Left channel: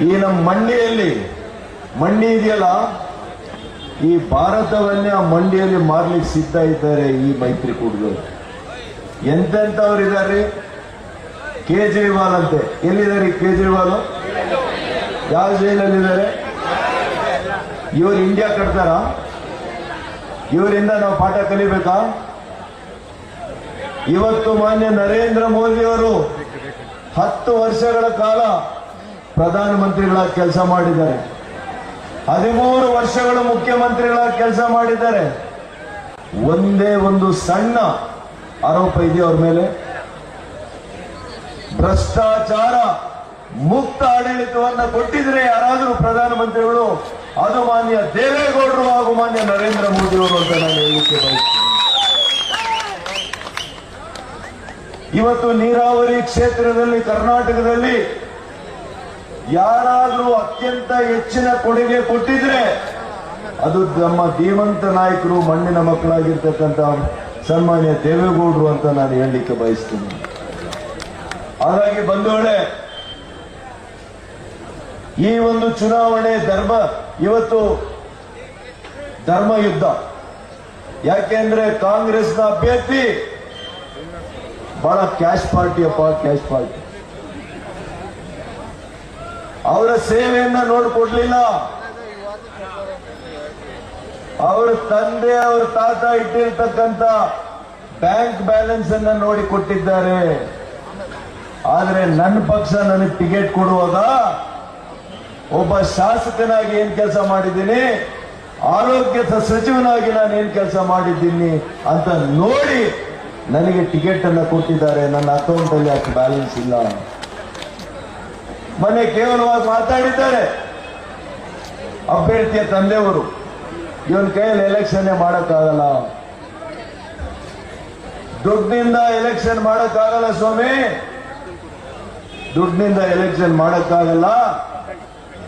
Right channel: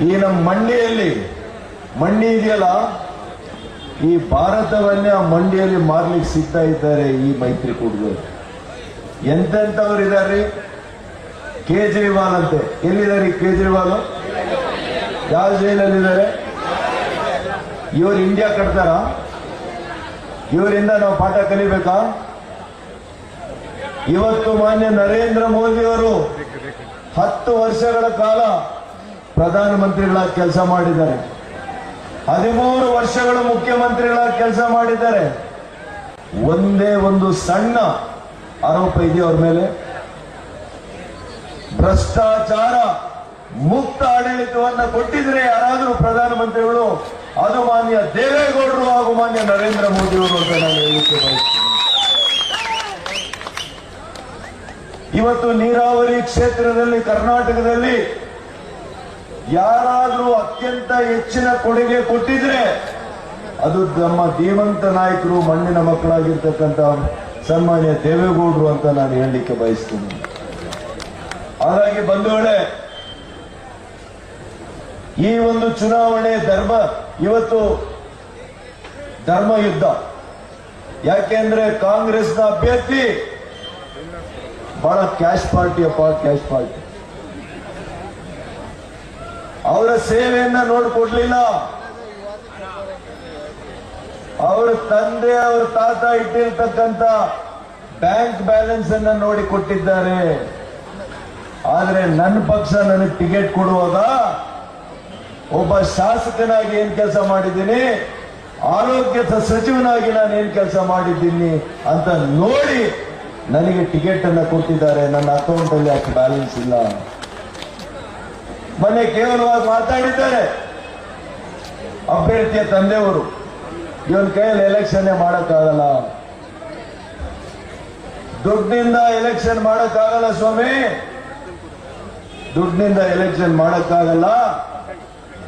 ಈ ನಮ್ಮ ಮಂಡಿಯಲ್ಲಿ ಮಂಡಿ ಇದೆಯಲ್ಲ? ಈ ಭಾರತವನ್ನೇ ಆ ಮಂಡಿಯಲ್ಲಿ ಮಾರ್ಲಿಕ್ಕೆ ಸಿದ್ಧ ಇದ್ದಾರೆ ಈ ಮೈತ್ರಿಕೂಟದವರು. ಎಂತೆಂಥವ್ರು ಇದ್ದಾರೆ ಕೇಜ್ರಿವಾಲ್ ಅಂತೆ. ಎಲ್ಲಿದ್ದಾರೆ ಕೇಜ್ರಿವಾಲ್? ಯಾವ ಜೈಲಲ್ಲಿದ್ದಾರೆ ಇವರು ಇಂಡಿಯಾ ಕಟ್ತಾರ? ಇವರಿಂದ ನಾವು ಪಾಠ ಕಲಿಬೇಕಾ? ಇವತ್ತು ಮಾನ್ಯ ನರೇಂದ್ರ ಮೋದಿ ಅವರು ಹತ್ತು ವರ್ಷಗಳ ಕಾಲ ಪ್ರಧಾನಮಂತ್ರಿಗಳಾಗಿ ಕೆಲಸ ಮಾಡಿದ್ದಾರೆ. ಹದಿಮೂರು ವರ್ಷಗಳು ಮುಖ್ಯಮಂತ್ರಿಗಳಾಗಿ ಕೆಲಸ ಮಾಡಿದ್ದಾರೆ. ಒಂದೇ ಒಂದು ಸಣ್ಣ ಆರೋಪ ಇದೆ ಅವ್ರ ಮೇಲೆ? ಭ್ರಷ್ಟಾಚಾರ ಮುಕ್ತ ಆಡಳಿತವನ್ನ ಕೊಟ್ಟಿದ್ರೆ ಯಾರಾದರೂ ಪ್ರಧಾನಮಂತ್ರಿಗಳು ಅದು ಮಾನ್ಯ ದೇವೇಗೌಡರು ಹಾಗೂ ಮಾನ್ಯ ನರೇಂದ್ರ ಮೋದಿ ಅವರು ಅಂತ ನಾನು ಹೇಳಲಿಕ್ಕೆ ಬಯಸ್ತೇನೆ. ಇವತ್ತು ನೀರಾವರಿ ಕ್ಷೇತ್ರದಲ್ಲಿ ಕರ್ನಾಟಕದಲ್ಲಿ ಯಾರಾದರೂ ಅತ್ಯಂತ ಹೆಚ್ಚಿನ ಕೊಡುಗೆ ಕೊಟ್ಟಿದ್ರೆ ಅದು ನಮ್ಮ ಧೀಮಂತ ನಾಯಕರು, ಮಣ್ಣಿನ ಮಕ್ಕಳಾಗಿರ್ತಕ್ಕಂಥ ಸನ್ಮಾನ್ಯ ದೇವೇಗೌಡರು ಅಂತ ನಾನು ಹೇಳಲಿಕ್ಕೆ ಬಯಸ್ತೀನಿ. ಹಾಗಾಗಿ ಬಂಧುಗಳೇ, ಈ ಒಂದು ಚುನಾವಣೆ ಧರ್ಮ, ಇವತ್ತು ಧರ್ಮ ಯುದ್ಧ. ಯಾಕೆಂದ್ರೆ ಕಾಂಗ್ರೆಸ್ನ ಅಭ್ಯರ್ಥಿ ಬಹಳ ಕ್ಯಾಶ್ ಪಾರ್ಟಿ ಅಪ್ಪ, ಕ್ಯಾಶ್ ಪಾರ್ಟಿ. ಅವರ ಸೇವೆಯನ್ನ ನೋಡ್ಕೊಡ್ಲಿಲ್ಲ. ಅವರ ತಂದೆ, ಅವರ ತಾತ ಇಟ್ಟಿರ್ತಕ್ಕಂಥ ಬ್ಯಾಂಕ್ ಬ್ಯಾಲೆನ್ಸ್ ಅನ್ನ ನೋಡಿ ಕೊಟ್ಟಿದ್ದಾರೆ. ಆದ್ರೆ ನನ್ನ ಪಕ್ಷ ನನಗೆ ಟಿಕೆಟ್ ಕೊಡುವಾಗ ಒಬ್ಬ ಶಾಸಕನಾಗಿ ಏನ್ ಕೆಲಸ ಮಾಡಿದ್ದೀನಿ ಆರೋಗ್ಯ ಸಚಿವನಾಗಿ ನಾನು ಏನ್ ಕೆಲಸ ಮಾಡಿದ್ದೀನಿ ಅಂತ ನೋಡಿ ನನಗೆ ಟಿಕೆಟ್ ಅನ್ನ ಕೊಟ್ಟಿದ್ದಾರೆ. ನನ್ನ ಅಕೌಂಟ್ ಅಲ್ಲಿ ಅಷ್ಟು ಬ್ಯಾಲೆನ್ಸ್ ಇಲ್ಲ ಮೊನ್ನೆ ಕೇವಲವಾಗಿ ಮಾತಾಡಿದ್ದಾರೆ. ಅಭ್ಯರ್ಥಿಯ ತಂದೆಯವರು, ಇವನ್ ಕೈಯಲ್ಲಿ ಎಲೆಕ್ಷನ್ ಮಾಡೋಕ್ಕಾಗಲ್ಲ. ದುಡ್ಡಿನಿಂದ ಎಲೆಕ್ಷನ್ ಮಾಡೋಕ್ಕಾಗಲ್ಲ ಸ್ವಾಮಿ. ದುಡ್ಡಿನಿಂದ ಎಲೆಕ್ಷನ್ ಮಾಡೋಕ್ಕಾಗಲ್ಲ.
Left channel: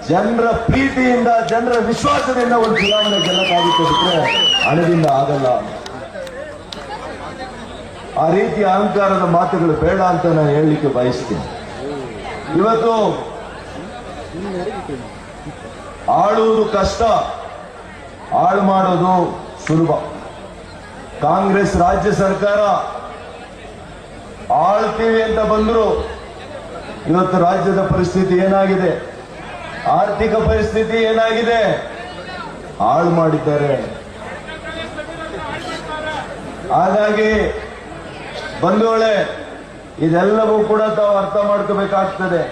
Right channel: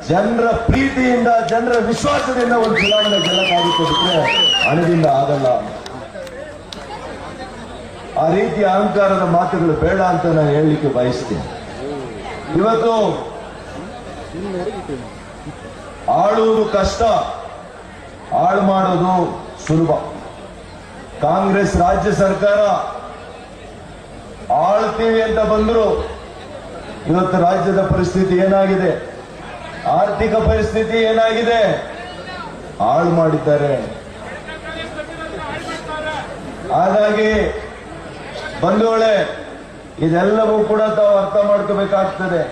ಜನರ ಪ್ರೀತಿಯಿಂದ, ಜನರ ವಿಶ್ವಾಸದಿಂದ ಒಂದು ಚುನಾವಣೆ ಗೆಲ್ಲಕ್ಕಾಗುತ್ತೆ ಬಿಟ್ರೆ ಹಣದಿಂದ ಆಗಲ್ಲ. ಆ ರೀತಿ ಅಹಂಕಾರದ ಮಾತುಗಳು ಬೇಡ ಅಂತ ನಾನು ಹೇಳಲಿಕ್ಕೆ ಬಯಸ್ತೀನಿ. ಇವತ್ತು ಆಳುವುದು ಕಷ್ಟ ಹಾಳು ಮಾಡೋದು ಸುಲಭ. ಕಾಂಗ್ರೆಸ್ ರಾಜ್ಯ ಸರ್ಕಾರ ಆಳ್ತೀವಿ ಅಂತ ಬಂದ್ರು, ಇವತ್ತು ರಾಜ್ಯದ ಪರಿಸ್ಥಿತಿ ಏನಾಗಿದೆ? ಆರ್ಥಿಕ ಪರಿಸ್ಥಿತಿ ಏನಾಗಿದೆ? ಹಾಳು ಮಾಡಿದ್ದಾರೆ. ಹಾಗಾಗಿ ಬಂಧುಗಳೇ ಇದೆಲ್ಲವೂ ಕೂಡ ತಾವು ಅರ್ಥ ಮಾಡ್ಕೋಬೇಕಾಗ್ತದೆ.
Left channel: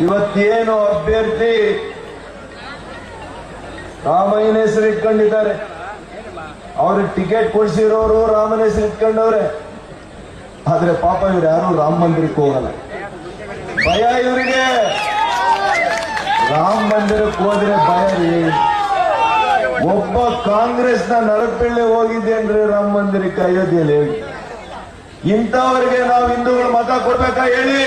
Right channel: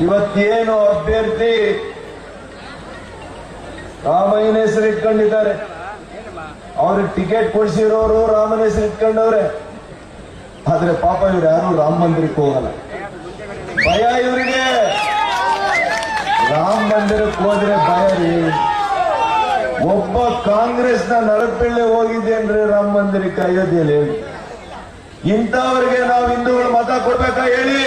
ಇವತ್ತೇನು ಅಭ್ಯರ್ಥಿ ರಾಮಯ್ಯನ ಹೆಸರು ಇಟ್ಕೊಂಡಿದ್ದಾರೆ. ಅವ್ರಿಗೆ ಟಿಕೆಟ್ ಕೊಡಿಸಿರೋರು ರಾಮನ ಹೆಸರು ಇಟ್ಕೊಂಡವ್ರೆ. ಆದ್ರೆ ಪಾಪ ಇವ್ರು ಯಾರು ರಾಮ ಮಂದಿರಕ್ಕೆ ಹೋಗಲ್ಲ. ಭಯ ಇವರಿಗೆ. ರಾಮ ಮಂದಿರಕ್ಕೆ ಹೋದ್ರೆ ಭಯ ರೀ. ಒಬ್ಬ ಕಾಂಗ್ರೆಸ್ನ ನರಪಿಳ್ಳೆ ಹೋಗಿದ್ದೇನ್ರಿ ರಾಮ ಮಂದಿರಕ್ಕೆ ಅಯೋಧ್ಯೆಯಲ್ಲಿ ಹೇಳಿ. ಇಂಥವರಿಗೆ ನಾವು ಹಿಂದೂಗಳು ಮತ ಕೊಡ್ಬೇಕಾ ಹೇಳಿ?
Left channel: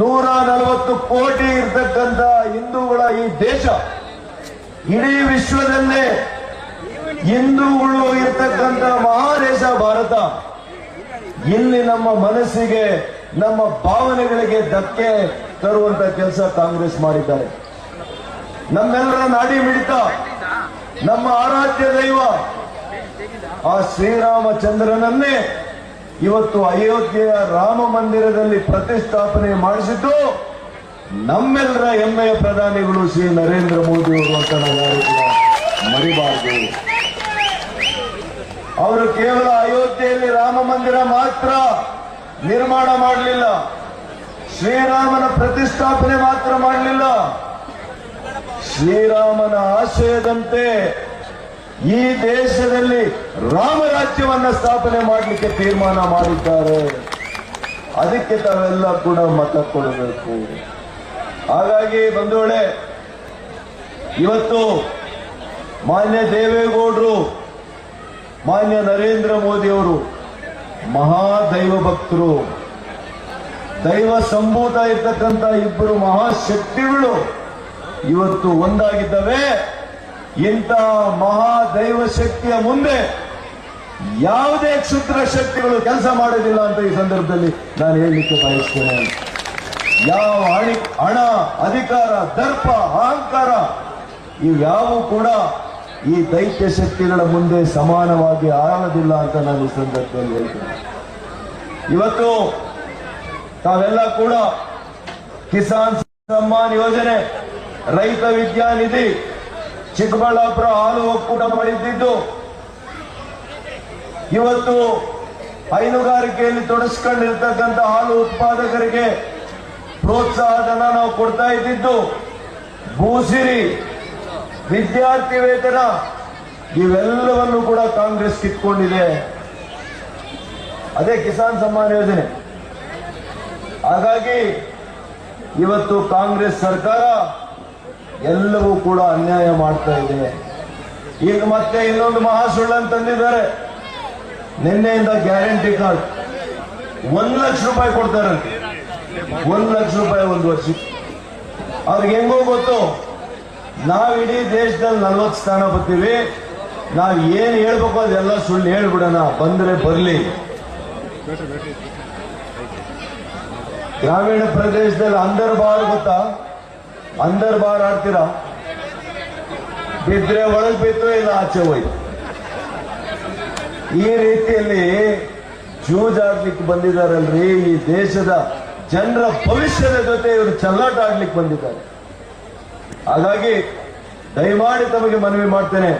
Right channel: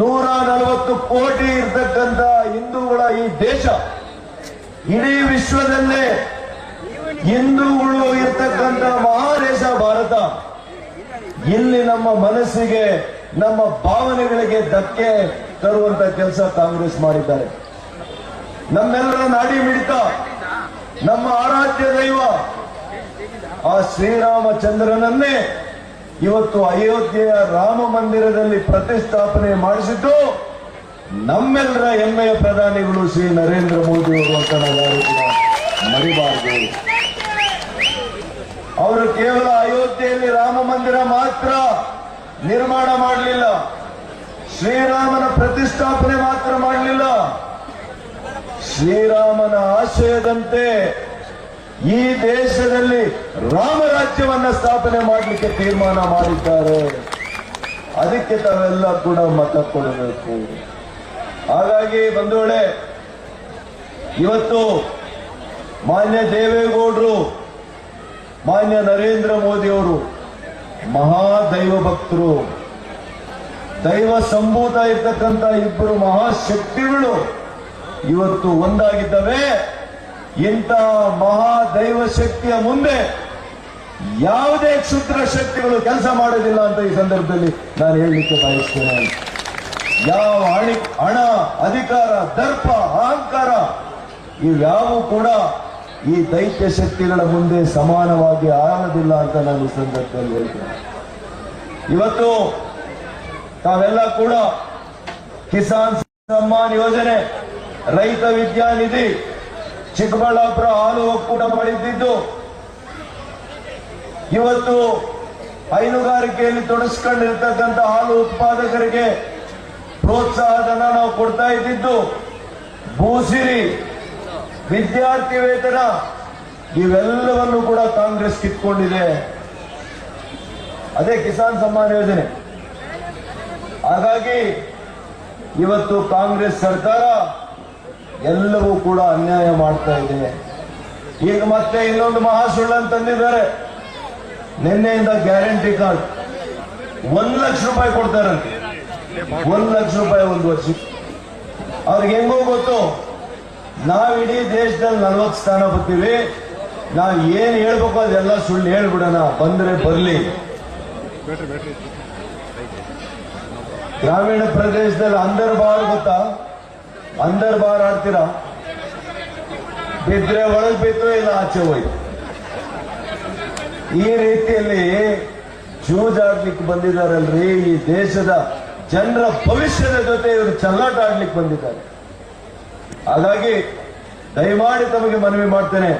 ನೂರ ನಲವತ್ತು ಕೋಟಿ ಇರ್ತಕ್ಕಂಥ ಹಿಂದೂಗಳ ಈ ದೇಶ ಇಡೀ ವಿಶ್ವದಲ್ಲೇ ಹಿಂದೂಗಳು ಇರ್ತಕ್ಕಂಥ ಮಹಾದೇಶ ಭಾರತ. ಇಲ್ಲಿ ನಮ್ಮ ಮನಸ್ಸಿಗೆ, ನಮ್ಮ ಭಾವನೆಗಳಿಗೆ ಧಕ್ಕೆ ತರುವಂತ ಕೆಲಸ ಕಾಂಗ್ರೆಸ್ ಮಾಡಿದ್ದಾರೆ. ನಮ್ಮೆಲ್ಲರ ನಾಡಿ ಮಿಡಿತ, ನಮ್ಮ ಆರಾಧ್ಯ ದೈವ ಆ ಶ್ರೀರಾಮಚಂದ್ರನನ್ನೇ ಇವತ್ತು ಅಯೋಧ್ಯೆಯ ರಾಮ ಮಂದಿರದಲ್ಲಿ ಪ್ರತಿಷ್ಠಾಪನೆ ಮಾಡಿಸಿದ್ದು ನಮ್ಮೆಲ್ಲರ ಹೆಮ್ಮೆಯ ಪ್ರಧಾನಿಗಳು ಶ್ರೀ ನರೇಂದ್ರ ಮೋದಿ ಅವರು ಅಂತ ನಾವು ಮರಿಬಾರದು. ಅವರು ಕೇವಲ ಅಯೋಧ್ಯೆಯಲ್ಲಿ ರಾಮ ಮಂದಿರ ಮಾತ್ರ ನಿರ್ಮಾಣ ಮಾಡಲಿಲ್ಲ. ಶ್ರೀರಾಮನ ಪ್ರತಿಷ್ಠಾಪನೆ ಮಾತ್ರ ಮಾಡಲಿಲ್ಲ. ಶ್ರೀರಾಮನ ಆಶಯದಂತೆ ಈ ದೇಶದಲ್ಲಿ ರಾಮರಾಜ್ಯವನ್ನ ಸ್ಥಾಪನೆ ಮಾಡಲಿಕ್ಕೆ ತೀರ್ಮಾನ ಮಾಡಿದ್ದಾರೆ. ಅದಕ್ಕೆ ತಾವೆಲ್ಲ ಕೂಡ ಮತ ಕೊಡಬೇಕು. ಹಾಗಾಗಿ ಬಂಧುಗಳೇ, ಇವತ್ತು ಮಾನ್ಯ ದೇವೇಗೌಡರು, ಮಾನ್ಯ ನರೇಂದ್ರ ಮೋದಿ ಅವರು ಮಹಾದೈವ ಭಕ್ತರು, ದೈವ ಸಂಭೂತ ಇರ್ತಕ್ಕಂಥ ಇಬ್ಬರು ಮಹಾಶಕ್ತಿಗಳು ಇವತ್ತು ಒಂದಾಗಿದ್ದವೆ. ಇಂತಹ ಮಹಾದೈವ ಶಕ್ತಿಯ ಮುಂದೆ ಯಾವುದೇ ಕ್ಷುದ್ರ ಶಕ್ತಿಗಳು ಕೆಲಸ ಮಾಡೋದಿಲ್ಲ ಅಂತ ಈ ಸಂದರ್ಭದಲ್ಲಿ ನಾನು ಹೇಳಲಿಕ್ಕೆ ಬಯಸ್ತೇನೆ. ಯಾವ ಹಣಿ, ಹಣ, ಅಧಿಕಾರ, ದರ್ಪ, ಅಹಂಕಾರ ಇವ್ಯಾವು ಕೂಡ ಈ ದೈತ್ಯ ಶಕ್ತಿಗಳ ಮುಂದೆ ಸಮಾನವಾಗಿ ಆಗೋದಿಲ್ಲ ಅಂತ ನಾನು ಈ ಸಂದರ್ಭದಲ್ಲಿ ಹೇಳ್ತೇನೆ. ಇವತ್ತು ತಾವೆಲ್ಲ ಕೂಡ ಕಿಸಾನ್ ಸಮ್ಮಾನ್ ಯೋಜನೆ, ರೈತ ವಿದ್ಯಾನಿಧಿ ಚಿಕ್ಕಬಳ್ಳಾಪುರ ಹಾಲು ಒಕ್ಕೂಟ ಮಾಡಿದ್ದು. ಇವತ್ತು ಹೈನುಗಾರಿಕೆಯಲ್ಲಿ ತೊಡಸ್ಕೊಂಡಿರ್ತಕ್ಕಂಥ ಹಾಲು ಉತ್ಪಾದಕರಿಗೆ ಪ್ರೋತ್ಸಾಹಧನ ನಾವು ಕೊಡ್ತಾ ಇದ್ದಿದ್ದು. ಭೂಸಿರಿ ವಿದ್ಯಾರ್ಥಿ ವೇತನ ಇವೆಲ್ಲವನ್ನು ಕೂಡ ಕಾಂಗ್ರೆಸ್ ಕಿತ್ಕೊಂಡಿದೆ. ಅದೇ ಕಿಸಾನ್ ಸಮ್ಮಾನ್ ಯೋಜನೆ. ಹಾಗಾಗಿ ಇವತ್ತು ಕಾಂಗ್ರೆಸ್ ಸರ್ಕಾರ ಎಲ್ಲವೂ ಕೂಡ ಅನ್ಯಾಯ ಮಾಡ್ತಾ ಇದೆ. ಈಗ ಮತ್ತೆ ಇನ್ನೊಂದು ಮಹಾ ಸುಳ್ಳನ್ನು ತಂದಿದ್ದಾರೆ. ನಿನ್ನೆಯಿಂದ ಗ್ಯಾರಂಟಿ ಕಾರ್ಡ್. ಒಂದ್ ಲಕ್ಷ ರೂಪಾಯಿ ಕೊಡ್ತಾರಂತೆ. ಒಂದ್ ಲಕ್ಷ ರೂಪಾಯಿ ಒಂದು ವರ್ಷಕ್ಕೆ. ಅವ್ರಿಗೆ ಹೆಂಗೋ ಗೊತ್ತು? ನಾವ್ ಇಡೀ ದೇಶದಲ್ಲಿ ನಲ್ವತ್ತು ಸ್ಥಾನ ಬರ್ತೀವಿ. ನಾವ್ ಏನ್ ಹೇಳ್ಬೇಕು ಅದೆಲ್ಲ ಸುಳ್ಳು ಹೇಳ್ಬಿಡೋಣ. ಬಂದ್ರೆ ಬರ್ಲಿ. ಗ್ರಾಮೀಣ ಪ್ರದೇಶದಲ್ಲಿ ಅಂದರ್ ಬಾರ್ ಗೊತ್ತಾ? ಅಂದರ್ ಬಾರ್ ಆಡ್ತೀರಾ? ಬಿದ್ರೆ ಒಳಗ್ ಬಿತ್ತು ಇಲ್ಲ ಆಚೆ ಹೋಯ್ತು. ಈ ರೀತಿಯಲ್ಲಿ ಜೂಜಾಡ್ಲಿಕ್ಕೆ ಬಂದಿದ್ದಾರಲ್ರಿ ಈ ದೇಶದ ಜನರ ಭವಿಷ್ಯದ ಜೊತೆ ಇವರು ಚಲ್ಲಾಟ ಆಡ್ಲಿಕ್ಕೆ ಬಂದಿದ್ದಾರೆ. ಹಾಗಾಗಿ ದಯಮಾಡಿ ತಮಗೆ ಮನವಿ ಮಾಡ್ತೇನೆ.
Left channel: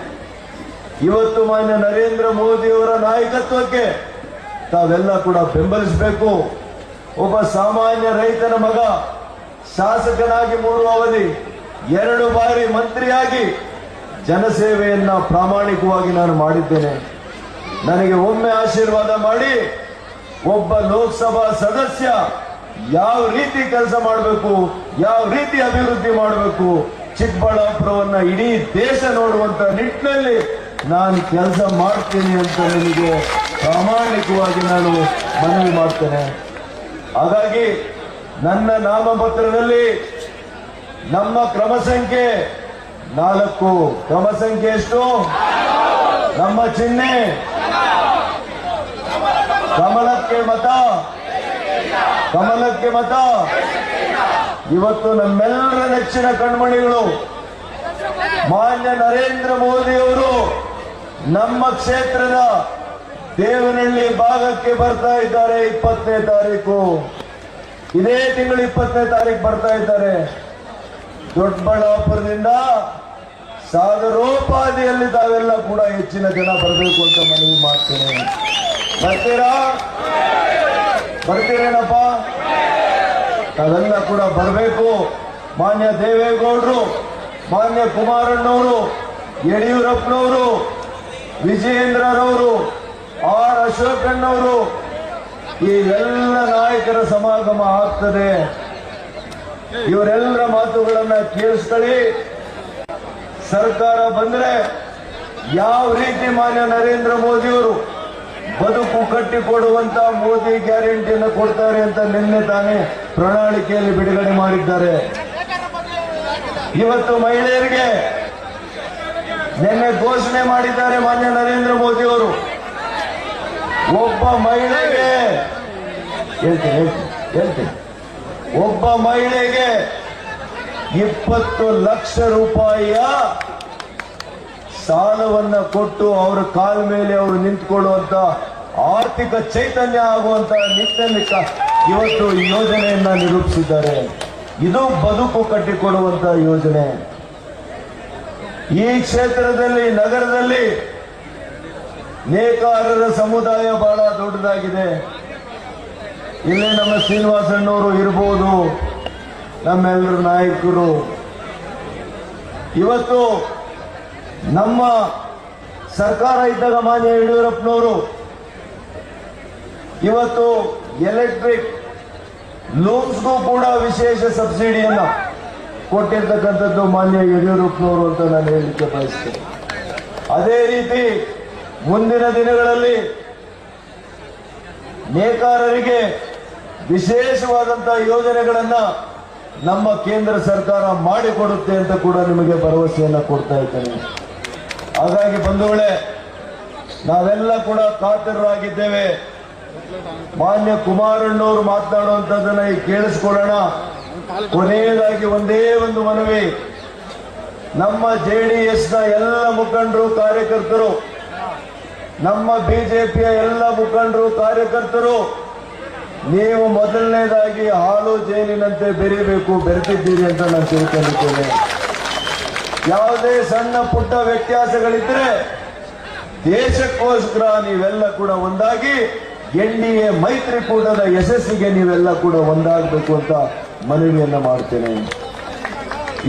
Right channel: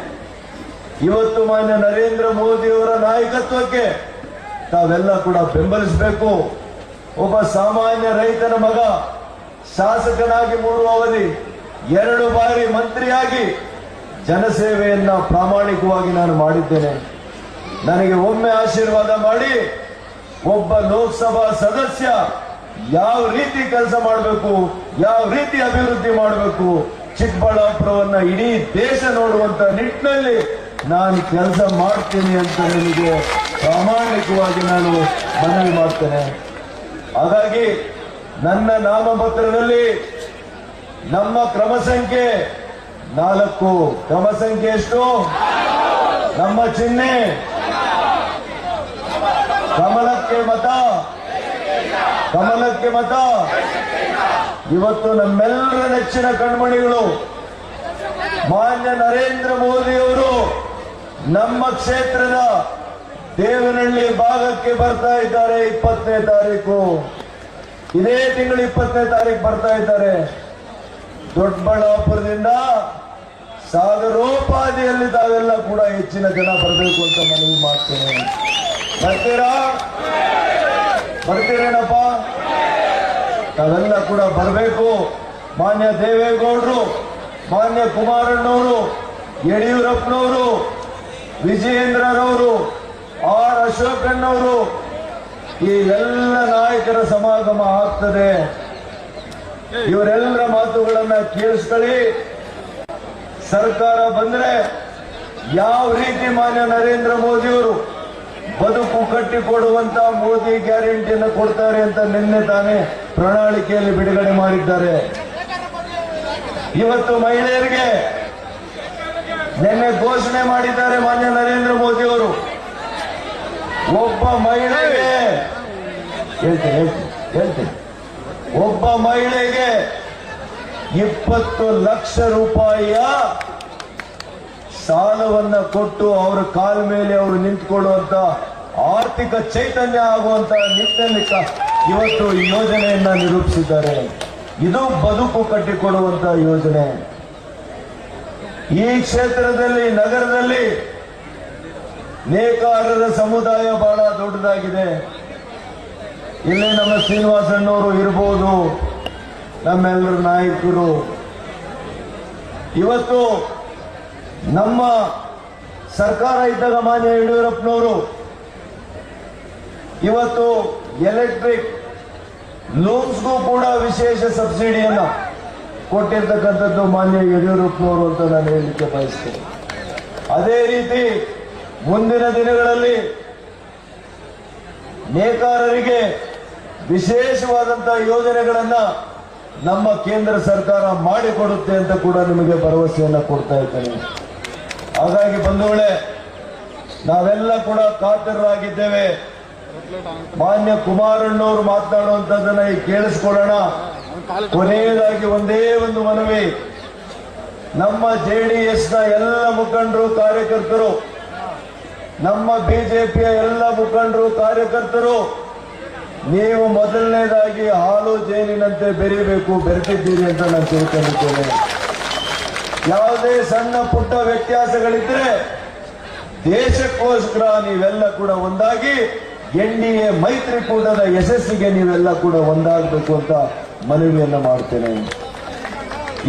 ಇವತ್ತು ಮಾನ್ಯ ನರೇಂದ್ರ ಮೋದಿಯವರ ನಾಯಕತ್ವಕ್ಕೆ ತಾವೆಲ್ಲ ಕೂಡ ಬೆಂಬಲಿಸಬೇಕು. ಒಬ್ಬ ಸಾಮಾನ್ಯ ರೈತನ ಮಗ ಶಾಸಕನಾಗಿ ಮೂರು ಅವಧಿ, ಎರಡು ಬಾರಿ ಮಂತ್ರಿಯಾಗಿ ಜನಸೇವೆಯನ್ನ ಪ್ರಾಮಾಣಿಕವಾಗಿ ನಾನು ಮಾಡಿದ್ದೇನೆ. ನನಗೆ ಒಮ್ಮೆ ಆಶೀರ್ವಾದ ಮಾಡಿ, ಒಬ್ಬ ಲೋಕಸಭಾ ಸದಸ್ಯ ಯಾವ ರೀತಿ ಕೆಲಸ ಮಾಡಬೇಕು, ಯಾವ ರೀತಿ ಅಭಿವೃದ್ಧಿ ಮಾಡಬೇಕು, ಚಿಕ್ಕಬಳ್ಳಾಪುರವನ್ನ ಇಡೀ ದೇಶ ನೋಡುವಂತ ನಿಟ್ಟಿನಲ್ಲಿ ನಾನು ಕೆಲಸ ಮಾಡ್ತೀನಿ ಅಂತ ನಿಮಗೆ ಪ್ರಾಮಾಣಿಕವಾಗಿ ನಾನು ಮನವಿ ಮಾಡ್ತೇನೆ. ಹಾಗಾಗಿ ನನ್ನ ನಾಮಪತ್ರದಲ್ಲಿ ನಮ್ಮ ಕ್ರಮ ಸಂಖ್ಯೆ ನಾಲ್ಕು. ಕ್ರಮ ಸಂಖ್ಯೆ ಎಷ್ಟು? ನಮ್ಮ ಚಿಹ್ನೆ. ಕಮಲಕ್ಕೆ ಮತ. ಕಮಲಕ್ಕೆ ಮತ. ಇವತ್ತು ನಮ್ಮೆಲ್ಲರ ನೆಚ್ಚಿನ ಕಣ್ಮಣಿಗಳು, ಮಾನ್ಯ ನರೇಂದ್ರ ಮೋದಿ ಅವರು ನಮ್ಮ ಕ್ಷೇತ್ರದ ದೇವನಹಳ್ಳಿ ಭಾಗಕ್ಕೆ ಬರ್ತಾ ಇದ್ದಾರೆ ಇಪ್ಪತ್ತನೇ ತಾರೀಕು. ಇದೇ ತಿಂಗಳು ಇಪ್ಪತ್ತನೇ ತಾರೀಕು ಬರ್ತಾ ಇದ್ದಾರೆ. ದೊಡ್ಡಬಳ್ಳಾಪುರದಿಂದ ಸಾಗರೋಪಾದಿಯಲ್ಲಿ ತಾವೆಲ್ಲ ಕೂಡ ಹೆಚ್ಚಿನ ಜನ ಬರಬೇಕು ಅಂತ ಮನವಿ ಮಾಡ್ತೇನೆ. ಬರ್ತೀರಾ? ಬರ್ತೀರೇನಪ್ಪ? ತಾವೆಲ್ಲ ಕೂಡ ಬರಬೇಕು. ಮಾನ್ಯ ದೇವೇಗೌಡರು, ಮಾನ್ಯ ಕುಮಾರಣ್ಣವರು, ಯಡಿಯೂರಪ್ಪನವರು, ವಿಜಯೇಂದ್ರರವರು, ಆರ್ ಅಶೋಕಣ್ಣವರು ಈ ಎಲ್ಲ ನಾಯಕರ ಸಮಾಗಮ ಆಗ್ತದೆ. ಇವರೆಲ್ಲರ ಮಾತುಗಳನ್ನ ಕೇಳಿಸ್ಕೊಳ್ಳಿ. ಸರ್ಕಾರ ಬಂದ್ರೆ ಯಾವ ರೀತಿ ಮಾನ್ಯ ನರೇಂದ್ರ ಮೋದಿಯವರು ಬದುಕು ಕಟ್ಟಿಕೊಡುವಂತ ಮೋದಿ ಗ್ಯಾರಂಟಿಯನ್ನು ಕೊಡ್ತಾರೆ ಅಂತ ನಿನ್ನೆ ತಾನೇ ಪ್ರಣಾಳಿಕೆಯಲ್ಲಿ ಬಿಡುಗಡೆ ಮಾಡಿದ್ದಾರೆ. ಇವತ್ತು ಮಹಿಳೆಯರಿಗೆ ನಿನ್ನೆ ಘೋಷಣೆ ಮಾಡಿದ್ದಾರೆ ಮಾನ್ಯ ನರೇಂದ್ರ ಮೋದಿ ಅವರು ಒಬ್ಬ ಮಹಿಳೆಗೆ ಹೇಳ್ತೀನಿ ಹೇಳ್ತೀನಿ ಒಬ್ಬ ಮಹಿಳೆಗೆ ಇಪ್ಪತ್ತು ಲಕ್ಷ ರೂಪಾಯಿಯ ಸಾಲವನ್ನ ಕೊಟ್ಟು ಅವರ ಕಾಲ ಮೇಲೆ ಅವರು ನಿಂತ್ಕೊಳ್ಳುವಂತ ಆರ್ಥಿಕ ಚೈತನ್ಯ ಆಗುವಂತ ನಿಟ್ಟಿನಲ್ಲಿ ಇವತ್ತು ಯೋಜನೆಯನ್ನ ನಿರೂಪಿಸಿದ್ದಾರೆ. ಇದು ಬದುಕು ಕಟ್ಟಿಕೊಡುವಂತ ಯೋಜನೆ. ಈ ಕ್ಷೇತ್ರದಲ್ಲಿ, ನಗರದಲ್ಲಿ ನೇಕಾರರ ಸಮುದಾಯ ಬಹಳ ದೊಡ್ಡದಾಗಿದೆ. ಇಲ್ಲಿ ನಮ್ಮ ಶ್ರೀನಿವಾಸಣ್ಣವರು ಇರ್ಬೋದು, ನಮ್ಮೆಲ್ಲರ ನಾಯಕರು. ಇವತ್ತು ನಮ್ಮ ಸರ್ಕಾರ ಇದ್ದಾಗ ಮಾನ್ಯ ಯಡಿಯೂರಪ್ಪನವರು, ಇವತ್ತು ಎಲೆಕ್ಟ್ರಿಕ್ ಲೋನ್ಸ್ಗೂ ಕೂಡ ವಿಶೇಷ ಸಬ್ಸಿಡಿಯನ್ನು ಕೊಟ್ಟಿರ್ತಕ್ಕಂಥದ್ದು ಮಾನ್ಯ ಯಡಿಯೂರಪ್ಪನವರು ಅಂತ ನಾನು ಹೇಳಲಿಕ್ಕೆ ಬಯಸ್ತೇನೆ. ಅದೇ ರೀತಿ ಮುಂದಿನ ದಿನಗಳಲ್ಲಿ ನೇಕಾರರಿಗೆ ವಿಶೇಷವಾದಂತಹ ಯೋಜನೆಗಳನ್ನ ನಮ್ಮ ಕೇಂದ್ರ ಸರ್ಕಾರ ಮಾಡಿಕೊಡುತ್ತೆ ಅಂತ ಕೂಡ ನಿಮಗೆ ಭರವಸೆಯನ್ನ ಕೊಡ್ತಾ ಇದ್ದೇನೆ. ಹಾಗಾಗಿ ಬಂಧುಗಳೇ, ನಾವೆಲ್ಲ ಕೂಡ ಕಾತರರಾಗಿದ್ದೇವೆ ಮಾನ್ಯ ಕುಮಾರಣ್ಣವರು ಮಾತನಾಡುವಂತದನ್ನ ಈ ಕೇಳಿಸ್ಕೊಳ್ಳೋಣ. ಕೊನೆಯದಾಗಿ ಒಂದೇ ಒಂದು ಮನವಿ. ನಮ್ಮ ಜೆಡಿಎಸ್ನ ಎಲ್ಲ ಮುಖಂಡರು, ಕಾರ್ಯಕರ್ತರು ನಮ್ಮ ಬಿಜೆಪಿಯ ಎಲ್ಲ ಮುಖಂಡರು, ಕಾರ್ಯಕರ್ತರು, ನೀವು ಮೊದಲನೇದಾಗಿ ಹಾಲು ಜೇನಿನಂತೆ ಬೆರೀಬೇಕು ಬೆರೆತಿದ್ದೀರಿ ಅಂತ ನಾನು ತಿಳ್ಕೊಂಡಿದ್ದೇನೆ. ಯಾವುದೇ ಸಣ್ಣ ಪುಟ್ಟ ವ್ಯತ್ಯಾಸಗಳಿದ್ರೆ ದೇಶಕ್ಕೋಸ್ಕರ ನೀವೆಲ್ಲ ಕೂಡ ಒಂದಾಗಿ ಎನ್ ಡಿ ಎ ಮೈತ್ರಿಕೂಟದ ಯಶಸ್ಸಿಗೆ ನೀವೆಲ್ಲ ಕೂಡ ಒಂದಾಗಬೇಕು ಅಂತ ಮನವಿಯನ್ನ ಮಾಡ್ತೇನೆ.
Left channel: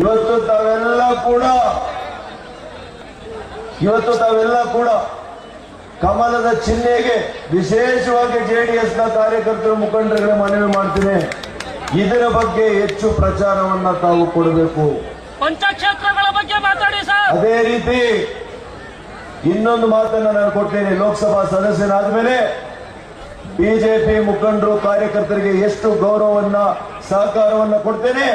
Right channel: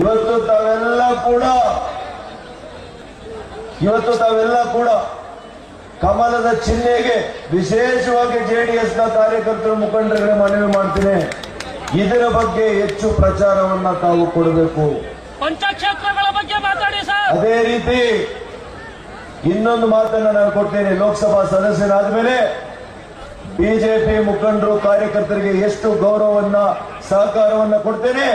ಇವತ್ತು ತಾವೆಲ್ಲ ಕೂಡ, ಇವತ್ತು ತಾವೆಲ್ಲ ಕೂಡ ಕಮಲದ ಚಿಹ್ನೆಗೆ ವಿಶೇಷವಾಗಿ ಜೆಡಿಎಸ್ನ ಕಾರ್ಯಕರ್ತರು ಮುಖಂಡರಿಗೆ ಮನವಿ ಮಾಡ್ತೀನಿ. ಇದರ ಬಗ್ಗೆ ಹೆಚ್ಚು ಪ್ರಚಾರವನ್ನ ತಾವು ಕೊಡಬೇಕು. ಪಂಚಕ್ಷೇತ್ರಗಳ ಬಗ್ಗೆ ಮಾತಾಡಿ ಸರ್. ಅದೇ ರೀತಿ ಇನ್ನೊಂದು ಮಾತನ್ನ ನಾನು ಕೊಡ್ತೇನೆ. ಲೋಕಸಭಾ ಸದಸ್ಯನಾದ ಮೇಲೆ ಬಿಜೆಪಿ ಮುಖಂಡರು ಕಾರ್ಯಕರ್ತರಿಗೆ ಎಷ್ಟು ಗೌರವವನ್ನ ಸಹಕಾರವನ್ನ ಕೊಡ್ತೇನೆ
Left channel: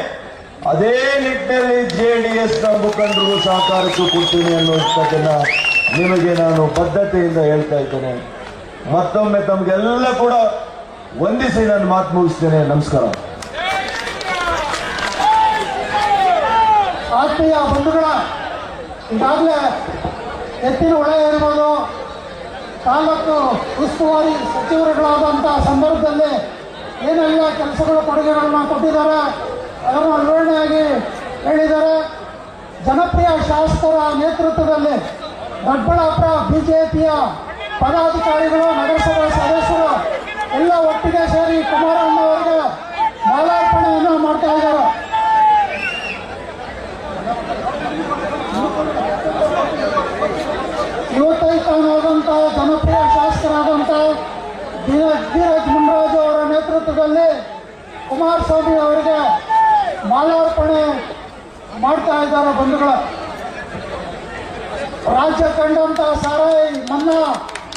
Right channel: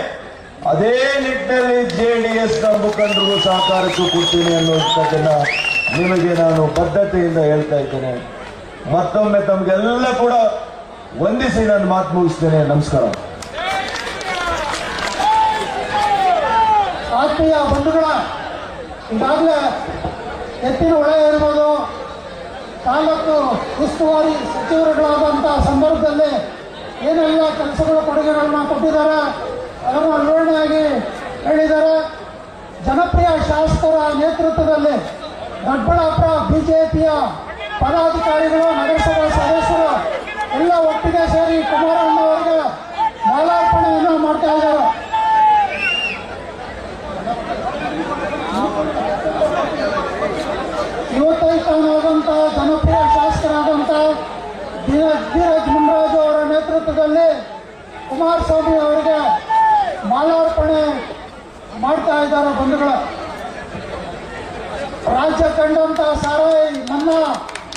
ಅದೇ ನಿಟ್ಟಿನಲ್ಲಿ ಜೆಡಿಎಸ್ನ ಮುಖಂಡರಿಗೂ ಸಹಕಾರಕ್ಕೂ ಕೊಡ್ತೀನಿ ಅನ್ನುವಂಥದ್ದನ್ನ ನಿಮಗೆ ನಾನು ಬದ್ಧತೆಯಿಂದ ಹೇಳ್ತಾ ಇದ್ದೇನೆ. ಮತ್ತೊಮ್ಮೆ ತಮಗೆಲ್ಲ ಕೂಡ ವಂದಿಸಿ ನಾನು ಮಾತು ಮುಗಿಸ್ತೇನೆ. ನಮಸ್ಕಾರ. ಆತ್ಮೀಯ ಬಂಧುಗಳ, ಈಗಾಗಲೇ ಎತ್ತಿನ ಹೊಳೆ ಇರ್ಬೋದು ತಾಲೂಕು ಉಸ್ತುವಾರಿ ಸಚಿವರುಗಳಾದಂಥ ಸಂದರ್ಭದಲ್ಲಿ ಏನೆಲ್ಲ ಕೆಲಸಗಳ ಕೊಡುಗೆಗಳನ್ನ ಕೊಟ್ಟಿದ್ದಾರೆ, ಅದನ್ನು ವಿವರಣೆಯಾಗಿ ಹೇಳಿದ್ದಾರೆ. ಜನಪ್ರಿಯ ಶಾಸಕರ ನೇತೃತ್ವದಲ್ಲಿ ದೊಡ್ಡಬಳ್ಳಾಪುರ ಬಿಜೆಪಿಯ ಪದಾಧಿಕಾರಿಗಳು ನಗರಸಭಾ ಸದಸ್ಯರು ಎಲ್ಲ ಒಟ್ಟಿಗೆ ಸೇರಿ ಕುಮಾರಣ್ಣ ಅವರಿಗೆ ಮಾಲಾರ್ಪಣೆಯನ್ನು ಮಾಡ್ತಾ ಇದ್ದಾರೆ ಯುವತೈತನಾದಂಥ ಜನಪ್ರಿಯ ಶಾಸಕರಾದಂಥ ಧೀರಜ್ ಧೀರಜ್ ಮುನ್ರಾಜು ಅವರ ನೇತೃತ್ವದಲ್ಲಿ ಕುಮಾರಸ್ವಾಮಿ ಅವರಿಗೆ ಮಾಲಾರ್ಪಣೆ ಮಾಡ್ತಾ ಇದ್ದಾರೆ ಬಂಧುಗಳ ರಾಜ್ಯ ಕಂಡಂತ ಸಾರಾಯಿ ಮನ್ನಾ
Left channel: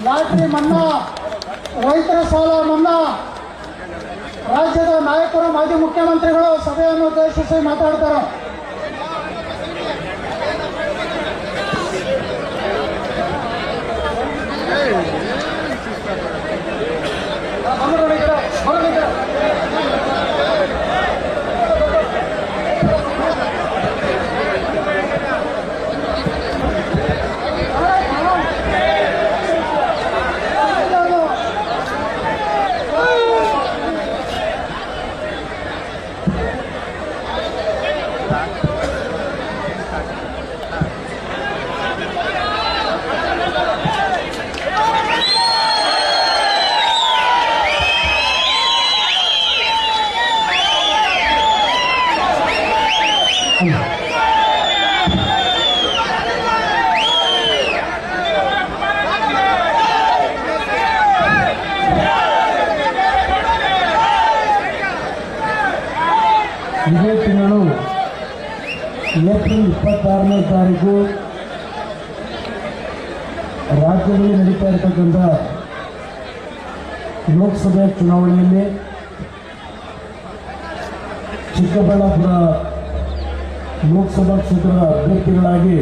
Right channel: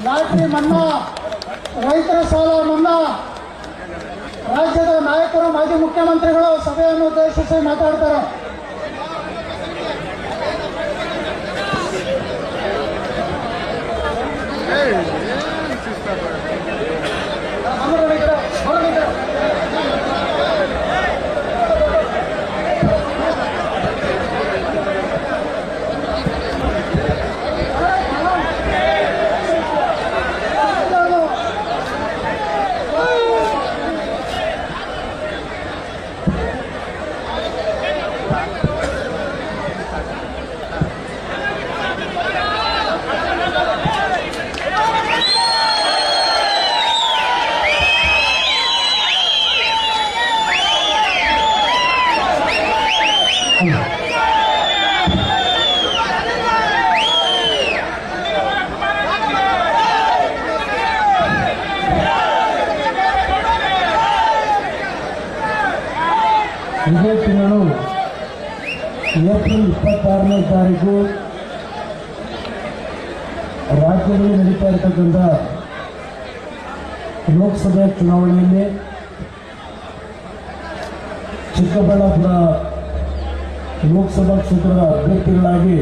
ಲಾಟ್ರಿ ಮನ್ನಾ ರೈತರ ಸಾಲ ಮನ್ನಾ ರಾಜ್ಯದ ನಾಯಕರು ಮಾಜಿ ಮುಖ್ಯಮಂತ್ರಿಗಳು ಸಭೆಯನ್ನು ಉದ್ದೇಶಿಸಿ ಮಾತಾಡ್ತಾರೆ ಇದೇ ತಿಂಗಳು ಏಪ್ರಿಲ್ ಇಪ್ಪತ್ತಾರನೇ ತಾರೀಕು ರಾಜ್ಯದಲ್ಲಿ ನಡೀತಾ ಇರತಕ್ಕಂಥ ಲೋಕಸಭೆ ಚುನಾವಣೆಯಲ್ಲಿ ಚಿಕ್ಕಬಳ್ಳಾಪುರ ಲೋಕಸಭಾ ಕ್ಷೇತ್ರದ ಅಭ್ಯರ್ಥಿಗಳಾಗಿ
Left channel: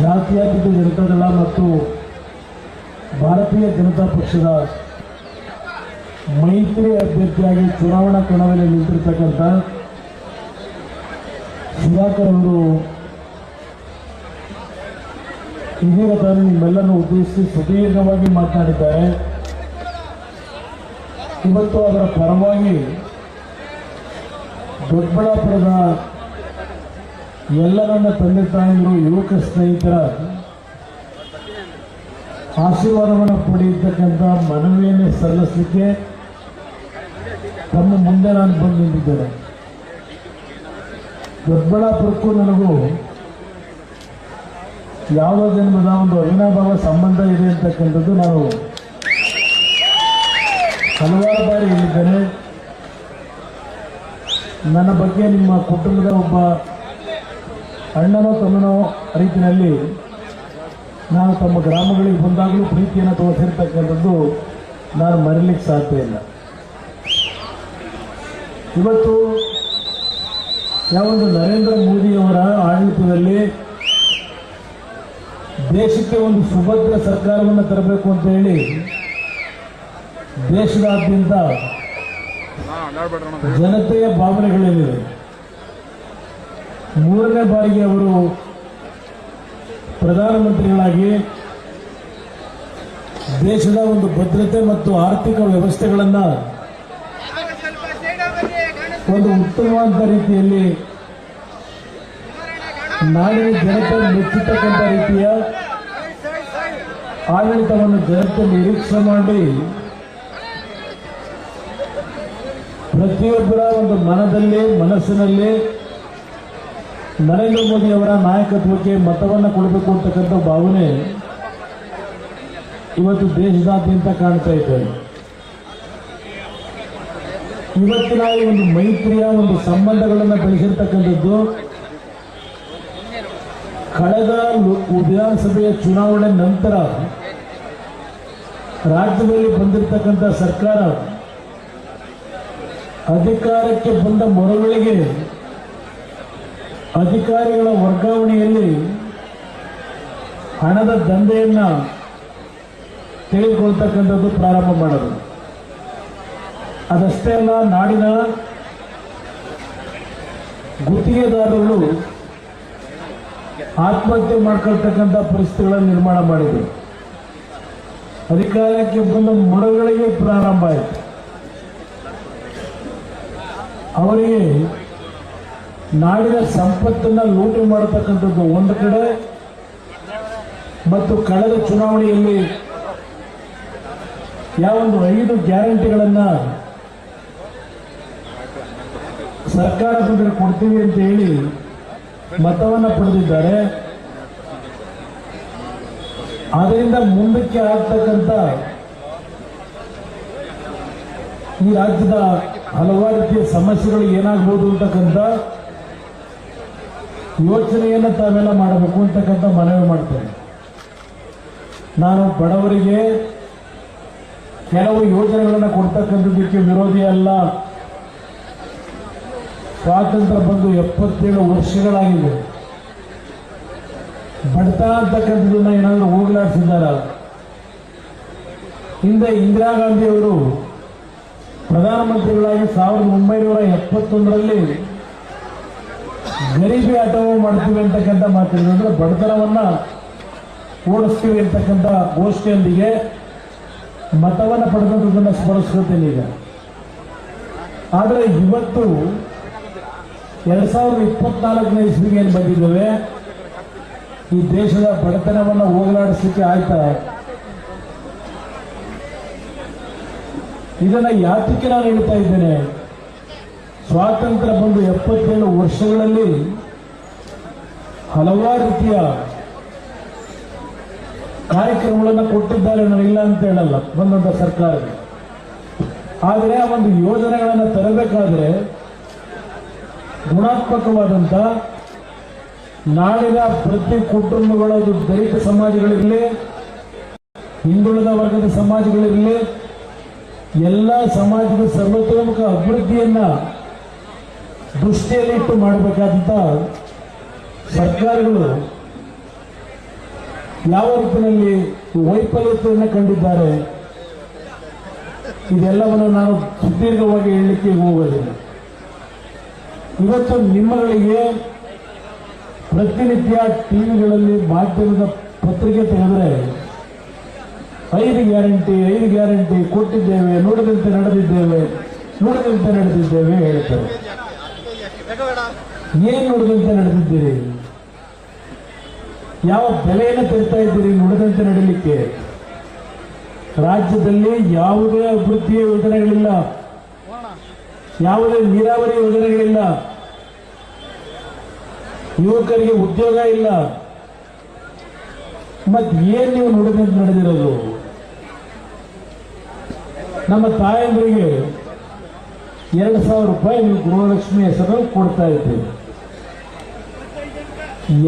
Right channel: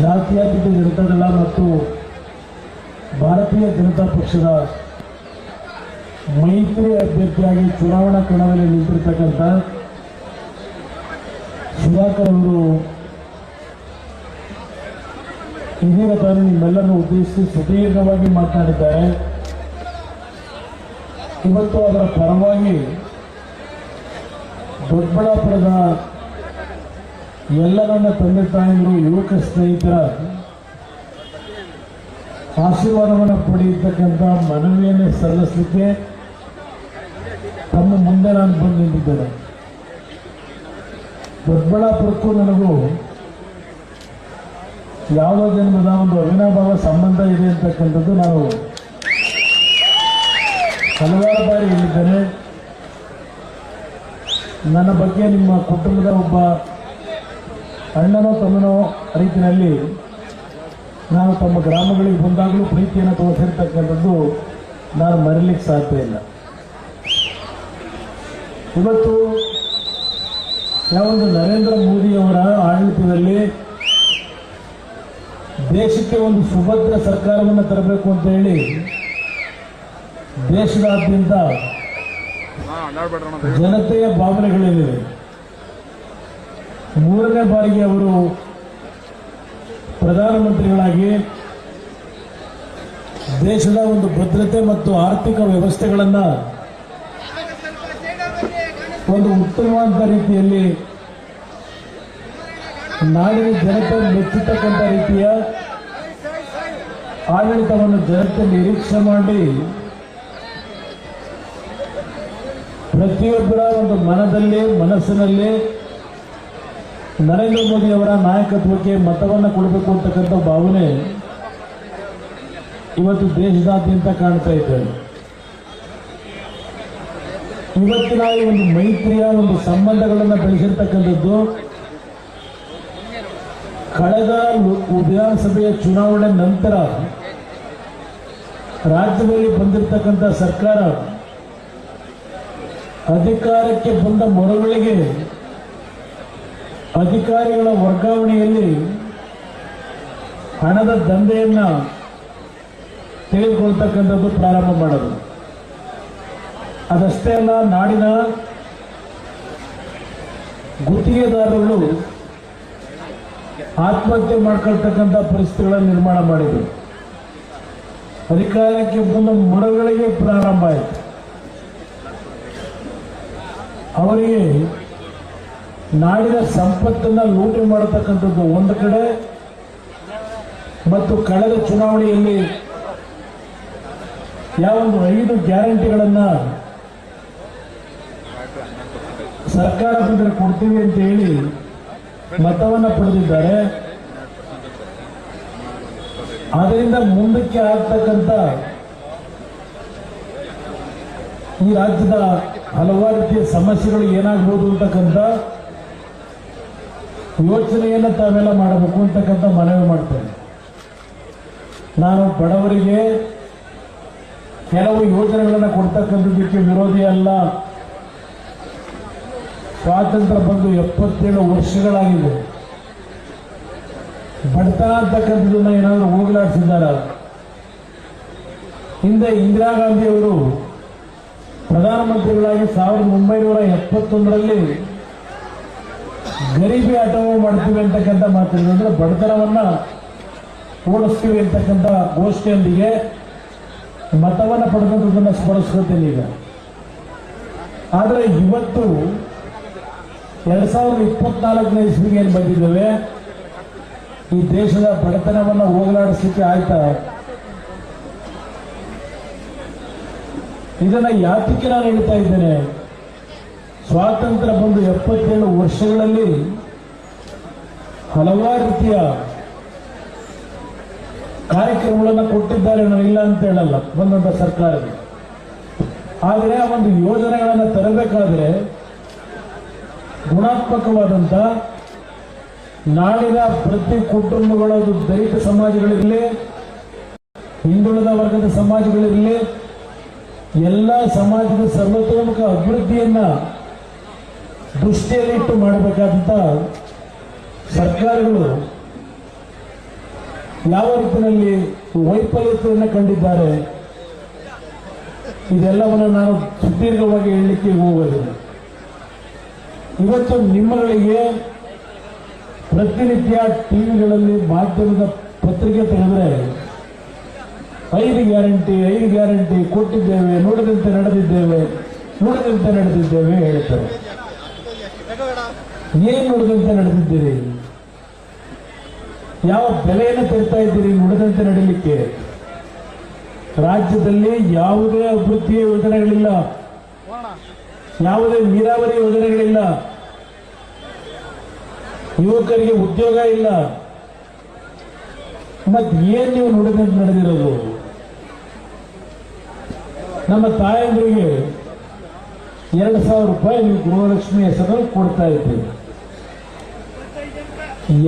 ಜಾತ್ಯತೀತ ಜನತಾದಳ ಮತ್ತು ಭಾರತೀಯ ಜನತಾ ಪಕ್ಷದ ಮೈತ್ರಿ ಅಭ್ಯರ್ಥಿಯಾಗಿ ಚುನಾವಣಾ ಕಣದಲ್ಲಿ ನಿಂತಿರ್ತಕ್ಕಂಥ ಸುಧಾಕರ್ ಅವರು ಇದೀಗ ತಾನು ನಿಮ್ಮೆಲ್ಲರನ್ನು ಉದ್ದೇಶಿಸಿ ಸುದೀರ್ಘವಾಗಿ ಮಾತನಾಡಿದ್ದಾರೆ. ಇವತ್ತು ಅದರ ಪರವಾಗಿ ದೊಡ್ಡಬಳ್ಳಾಪುರದ ಎಲ್ಲ ನನ್ನ ತಂದೆ ತಾಯಿಗಳು ಯುವಕ ಸ್ನೇಹಿತರ ಆಶೀರ್ವಾದವನ್ನು ಪಡೆಯತಕ್ಕಂಥ ಮನವಿಯನ್ನೇ ಸಲ್ಲಿಸಲಿಕ್ಕೆ ತಮ್ಮ ಮುಂದೆ ನಾನು ಬಂದು ನಿಂತಿದ್ದೇನೆ. ದೊಡ್ಡಬಳ್ಳಾಪುರಕ್ಕೂ ನನಗೂ ಯಾವ ಜನ್ಮದ ಒಂದು ಅವಿನಾಭಾವ ಸಂಬಂಧ ಇದೆ ಅಂತಕ್ಕಂಥದ್ದು ನಾನು ಹಲವಾರು ಬಾರಿ ಹೇಳಿದ್ದೇನೆ. ನನ್ನ ಬಗ್ಗೆ ನಿಮ್ಮ ಕುಟುಂಬದ ಒಬ್ಬ ಅಣ್ಣನೋ ತಮ್ಮನೋ ರೀತಿಯಲ್ಲಿ ನಾನು ತಮ್ಮ ಗ್ರಾಮಗಳಿಗೆ ಬಂದಾಗಲೂ ಪ್ರೀತಿಯನ್ನು ತೋರಿಸಿರ್ತಕ್ಕಂಥದ್ದು ನಾನು ಮರೀಲಿಕ್ಕೆ ಸಾಧ್ಯ ಇಲ್ಲ. ಇವತ್ತು ಯಾವೊಂದು ನರೇಂದ್ರ ಮೋದಿಯವರ ಆಡಳಿತದಲ್ಲಿ ದೇಶಕ್ಕೆ ಒಂದು ಸುಭದ್ರ ಸರ್ಕಾರವನ್ನು ತರಬೇಕು ಅಂತ ಹೇಳಿ ದೇಶದಾದ್ಯಂತ ಜನತೆಯ ಭಾವನೆಗಳೇನಿದೆ ಮೂರನೇ ಬಾರಿಗೆ ಅವರು ಪ್ರಧಾನಮಂತ್ರಿಗಳಾಗಿ ದೇಶದ ಒಂದು ಭದ್ರತೆ ಮತ್ತು ಆರ್ಥಿಕ ವ್ಯವಸ್ಥೆಗಳನ್ನು ಒಂದು ಉತ್ತಮವಾದ ರೀತಿಯಲ್ಲಿ ನಾಡಿನ ಜನತೆ ಮೆಚ್ಚತಕ್ಕಂಥ ರೀತಿಯ ಆಡಳಿತವನ್ನು ಜನತೆ ನಿರೀಕ್ಷೆ ಮಾಡಿ ಪ್ರತಿಯೊಬ್ಬರ ಒಂದು ಮನದಲ್ಲಿ, ಮನಸ್ಸಿನಲ್ಲಿ ನರೇಂದ್ರ ಮೋದಿ ಅವರ ನಾಯಕತ್ವಕ್ಕೆ ಮತವನ್ನು ಕೊಡಬೇಕು ಅಂತಕ್ಕಂಥ ಭಾವನೆ ಇವತ್ತು ದೇಶದಾದ್ಯಂತ ಕಾಣ್ತಾ ಇದೆ. ಇವತ್ತಿನ ಒಂದು ಮೈತ್ರಿಯ, ಒಂದು ಸಂಬಂಧಗಳನ್ನು ಬೆಳೆಸಿರ್ತಕ್ಕಂಥದ್ದು ಕಳೆದ ವಿಧಾನಸಭೆಯ ಚುನಾವಣೆ ನಂತರ ರಾಜ್ಯದಲ್ಲಿ ಬಂದಿರತಕ್ಕಂಥ ಸರ್ಕಾರ ಅಧಿಕಾರಕ್ಕೆ ಬಂದ ಮರುಗಳಿಗೆ, ಅಧಿಕಾರಿಗಳ ವರ್ಗಾವಣೆಯಲ್ಲಿ ಹಣದ ದಂಧೆಯನ್ನ ತಿಳಿದುಕೊಳ್ತಕ್ಕಂಥದ್ದು ಪ್ರಾರಂಭ ಮಾಡೋದು. ಅದಷ್ಟೇ ಅಲ್ಲ, ನಾಡಿನ ಗುತ್ತಿಗೆದಾರರು ಆತ್ಮಹತ್ಯೆ ಮಾಡ್ಕೊಳ್ತಕ್ಕಂಥ ಪರಿಸ್ಥಿತಿಗಳನ್ನು ನಿರ್ಮಾಣ ಮಾಡಿದ್ರು. ಅಧಿಕಾರಕ್ಕೆ ಬಂದ ಮರಗಳಿಗೆ ಪ್ರಾರಂಭ ಆಯಿತು. ಅವರಿಗೆ ನಾಡಿನ ಸಂಪತ್ತನ್ನ ಲೂಟಿ ಮಾಡತಕ್ಕಂಥದ್ದು ಒಂದು ಕಡೆ ಮತ್ತು ಕಳೆದ ಚುನಾವಣೆಯಲ್ಲಿ ಯಾವೊಂದು ಐದು ಗ್ಯಾರಂಟಿಗಳನ್ನ ಸರ್ಕಾರ ಬಂದರೆ ಕೊಡ್ತೀವಿ ಅಂತ ಹೇಳಿ ಮತವನ್ನ ಪಡೆದಿದ್ದಾರೆ. ಅದರಿಂದ ಮುಂದಕ್ಕೆ ಆಗ್ತಕ್ಕಂಥ ಈ ರಾಜ್ಯದ ಹಲವಾರು ರೀತಿಯ ಸಮಸ್ಯೆಗಳು ಏನಾಗ್ಬೋದು ಅಂತಕ್ಕಂಥ ಯೋಚನೆಯನ್ನು ತಾವೆಲ್ಲ ಮಾಡಬೇಕು ಅಂತಕ್ಕಂಥ ಮನವಿ ಮಾಡ್ತೇನೆ. ನಾನು ಬಡವರಿಗೆ ಕೆಲವು ಯೋಜನೆಗಳನ್ನು ಕೊಡ್ತಕ್ಕಂಥದ್ದಕ್ಕೆ ವಿರೋಧಿ ಅಲ್ಲ. ಸ್ವಾತಂತ್ರ್ಯ ಬಂದು ಎಪ್ಪತ್ತೇಳು ವರ್ಷಗಳಾಗಿದೆ. ಬಡತನ ಅಂತಕ್ಕಂಥದ್ದನ್ನ ಏನಾದರೂ ಹೋಗಲಾಡಿಸಿದ್ದಾರೆ? ಹಿಂದೆ ಇಂದಿರಾ ಗಾಂಧಿ ಅವರು ಪ್ರಧಾನಮಂತ್ರಿಗಳಾಗಿ ಸಾವಿರದ ಒಂಬೈನೂರ ಎಪ್ಪತ್ತೊಂದರಲ್ಲಿ ಗರೀಬಿ ಆಟವು ಮಾಡ್ತೀವಿ ಅಂತಕ್ಕಂಥ ಮಾತಾಡಿದ್ರು ಅಂದ್ರೆ ಬಡತನವನ್ನ ಓಡಿಸ್ತೀವಿ ಅಂತಕ್ಕಂಥ ಘೋಷಣೆಯೊಂದಿಗೆ ಮತವನ್ನು ಪಡೆದದ್ದನ್ನು ಸ್ಮರಿಸ್ಕೊತೇನೆ ಈಗ. ಆದರೆ ಇವತ್ತು ಎರಡ್ ಸಾವಿರದ ಇಪ್ಪತ್ನಾಲ್ಕನೇ ಇಸ್ವಿಗೆ ಏನು ಬಂದಿದ್ದೇವೆ? ಈ ದೇಶದ ಬಡತನವನ್ನು ಹೋಗಲಾಡಿಸಲಿಕ್ಕೆ ಆಯ್ತಾ? ಇದನ್ನ ಯಾತಕ್ಕೆ ನಾನು ಹೇಳ್ತಾ ಇದ್ದೇನೆ. ಸ್ವಾತಂತ್ರ್ಯ ಬಂದು ಎಪ್ಪತ್ತೇಳು ವರ್ಷಗಳಲ್ಲಿ ಹಲವಾರು ರೀತಿಯ ಕಾರ್ಯಕ್ರಮಗಳನ್ನು ಕೊಟ್ಟಿದ್ದಾರೆ ನಾನು ಇಲ್ಲ ಅಂತ ಹೇಳಲ್ಲ, ಬಂದಂತ ಸರ್ಕಾರ ಆದರೆ ಆ ಒಂದು ಯೋಜನೆಗಳನ್ನು ತರಬೇಕಾದ್ರೆ ಗುಣಾತ್ಮಕವಾದಂತ ನಾಳಿನ ಪ್ರತಿ ಕುಟುಂಬಗಳ ದಲಿತ ಸಮಾಜಗಳಿರಲಿ, ಹಿಂದುಳಿದ ವರ್ಗದ ಸಮಾಜಗಳಿರಲಿ ಎಲ್ಲ ಸಮಾಜದ ಸರ್ವತೋಮುಖ ಅಭಿವೃದ್ಧಿಯನ್ನ ದೃಷ್ಟಿಯಲ್ಲಿಟ್ಟು ಮಾಡಬೇಕಾದಂತ ಸರ್ಕಾರಗಳು ಯಾವ ರೀತಿಯಲ್ಲಿ ವೈಫಲ್ಯತೆಯನ್ನು ಕಂಡಿದ್ದಾರೆ, ಇದೆಲ್ಲವನ್ನು ನಾನು ಸುದೀರ್ಘವಾಗಿ ಹೇಳಲಿಕ್ಕೆ ಹೋಗೋದಿಲ್ಲ ಇವತ್ತು ನಿಮ್ಮಗಳಿಗೆ ಪ್ರತಿನಿತ್ಯ ಟಿವಿಗಳಲ್ಲಿ ಮಾಧ್ಯಮದ ಪತ್ರಿಕೆ ತೆಗೆದ್ರೆ ಐದು ಗ್ಯಾರಂಟಿ ಐದು ಗ್ಯಾರಂಟಿ ಕೊಟ್ಟಿದ್ದೇವೆ, ನೋಡದಂತೆ ನಡೆದಿದ್ದೇವೆ ನೋಡದಂತೆ ನಡೆದಿದ್ದೇವೆ ಹೇಳ್ತಾರೆ. ಏನ್ ನೋಡದಂತೆ ನಡೆದಿದ್ದೀರಿ? ಯಾವ ಬೆಲೆಯನ್ನು ತರ್ತಾ ಇದ್ದೀರಿ ನೋಡದಂತೆ ನಡೀಲಿಕ್ಕೆ ರಾಜ್ಯದಲ್ಲಿ ಯಾವುದೇ ಅಭಿವೃದ್ಧಿಯ ಯೋಜನೆಗಳಿಲ್ಲ. ಯಾವುದೇ ನೀರಾವರಿ ಯೋಜನೆಗಳಿಲ್ಲ. ಯುವಕರಿಗೆ ಉದ್ಯೋಗ ಇಲ್ಲ. ಮತ್ತೆ ಏನ್ ನೀವು ನೋಡಿದಂತೆ ನಡೆದಿರೋದು? ನಮ್ಮ ತಾಯಂದ್ರಿಗೆ ಎರಡು ಸಾವಿರ ರೂಪಾಯಿ ನೀವು ಗೃಹಲಕ್ಷ್ಮಿ ಹೆಸರು ಕೊಡ್ತಾ ಇದ್ದೀರಿ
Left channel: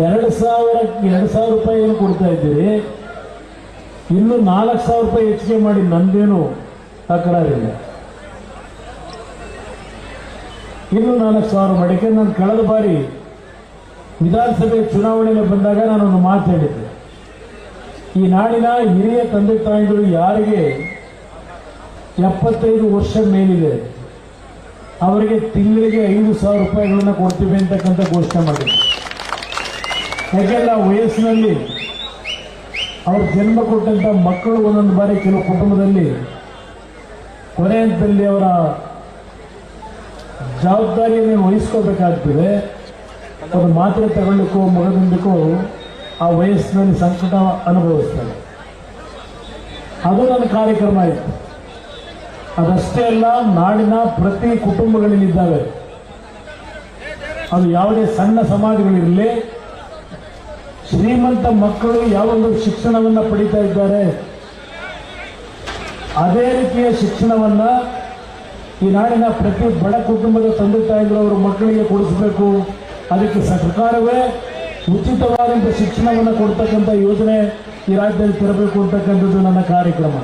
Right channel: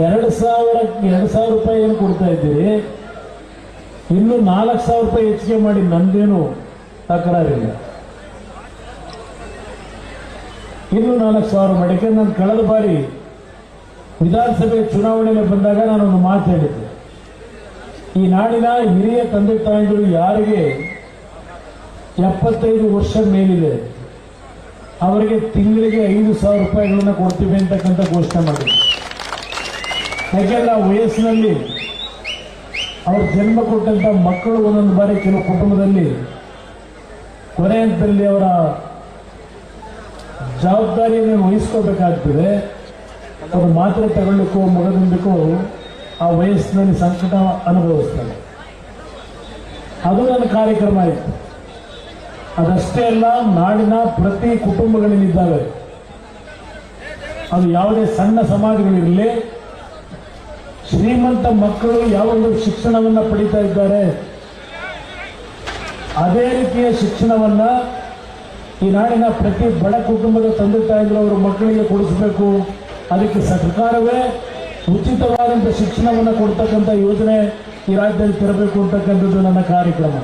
ಎರಡು ಸಾವಿರ ಎರಡು ಸಾವಿರ ರೂಪಾಯಿ ಏನು ಕೊಡ್ತಾ ಇದ್ದೀರಿ? ಇನ್ನು ನಾಲ್ಕು ಸಾವಿರ ರೂಪಾಯಿ ಹೆಚ್ಚಿಗೆ ಮಾಡಿ ನಂದೇನು ತಕರಾರಿಲ್ಲ ಇನ್ನು ನಾಲ್ಕು ಸಾವಿರ ಮಾಡಿಕೆ ನಾನು ಕಳೆದ ಬಾರಿ ವಿಧಾನಸಭೆ ಚುನಾವಣೆಗೆ ಬಂದಾಗ ನಾನೊಂದು ಮಾತು ಹೇಳಿದ್ದೆ. ಈ ನಾಡಿನ ಹಿರಿಯ ತಂದೆ ತಾಯಿಗಳು ಯಾರಿಗೆ ಎಪ್ಪತ್ತೈದು ವರ್ಷ ಮೇಲಿದೆ. ಅವರಿಗೆ ತಿಂಗಳಿಗೆ ಐದು ಸಾವಿರ ರೂಪಾಯಿಗಳನ್ನ ಕೊಡ್ತೀವಿ ಅಂತಕ್ಕಂಥ ಘೋಷಣೆ ಮಾಡಿದ್ರು. ಆ ವಯಸ್ಸಿನಲ್ಲಿ ಅವ್ರ ಜನ್ಮ ಕೊಟ್ಟಂತ ಮಕ್ಕಳು ಒಂದೊಂದು ಬಾರಿ ಕೆಲವು ಕುಟುಂಬದಲ್ಲಿ ಕೊನೆ ಹಂತದಲ್ಲಿ ಅವರ ಜವಾಬ್ದಾರಿಯನ್ನು ವಹಿಸ್ಕೋಬೇಕಾಗ್ತದೆ. ಅದು ಮಾತ್ರೆ ತಗೊಳ್ಳಿಕ್ಕೂ ಮಗದೊಂದಕ್ಕೂ ಆ ವಯಸ್ಸಿನಲ್ಲಿ ಸಂಕಟ ಅನುಭವಿಸ್ತಾರೆ ಅದು ನನ್ನ ಕಾರ್ಯಕ್ರಮ ಆಯಿತು. ಅದಷ್ಟೇ ಅಲ್ಲ, ನಾಡಿನ ಪ್ರತಿ ಕುಟುಂಬಗಳಲ್ಲಿದ್ದಾವೆ ಅದು ಯಾವುದೇ ಸಣ್ಣ ಸಮಾಜಗಳಿರಲಿ, ಶ್ರೀಮಂತ ಮಕ್ಕಳು ಯಾವೊಂದು ಶಿಕ್ಷಣವನ್ನ ಪಡೀತಾ ಇದ್ದಾರೆ, ಅದೇ ರೀತಿಯ ಶಿಕ್ಷಣವನ್ನ ಈ ನಾಡಿನ ಪ್ರತಿ ಬಡ ಕುಟುಂಬದ ತಂದೆ ತಾಯಿಗಳು ಅವರ ಮಕ್ಕಳಿಗೆ ಕೊಡಿಸಬೇಕು. ಅದಕ್ಕೆ ಸರ್ಕಾರವೇ ಉಚಿತವಾದಂಥ ಶಿಕ್ಷಣವನ್ನು ಕೊಡ್ತಕ್ಕಂಥ ಯೋಜನೆ ಈ ರಾಜ್ಯದಲ್ಲಿ ತರಬೇಕು ಅಂತಕ್ಕಂಥದ್ದು ನನ್ನ ಕಾರ್ಯಕ್ರಮ.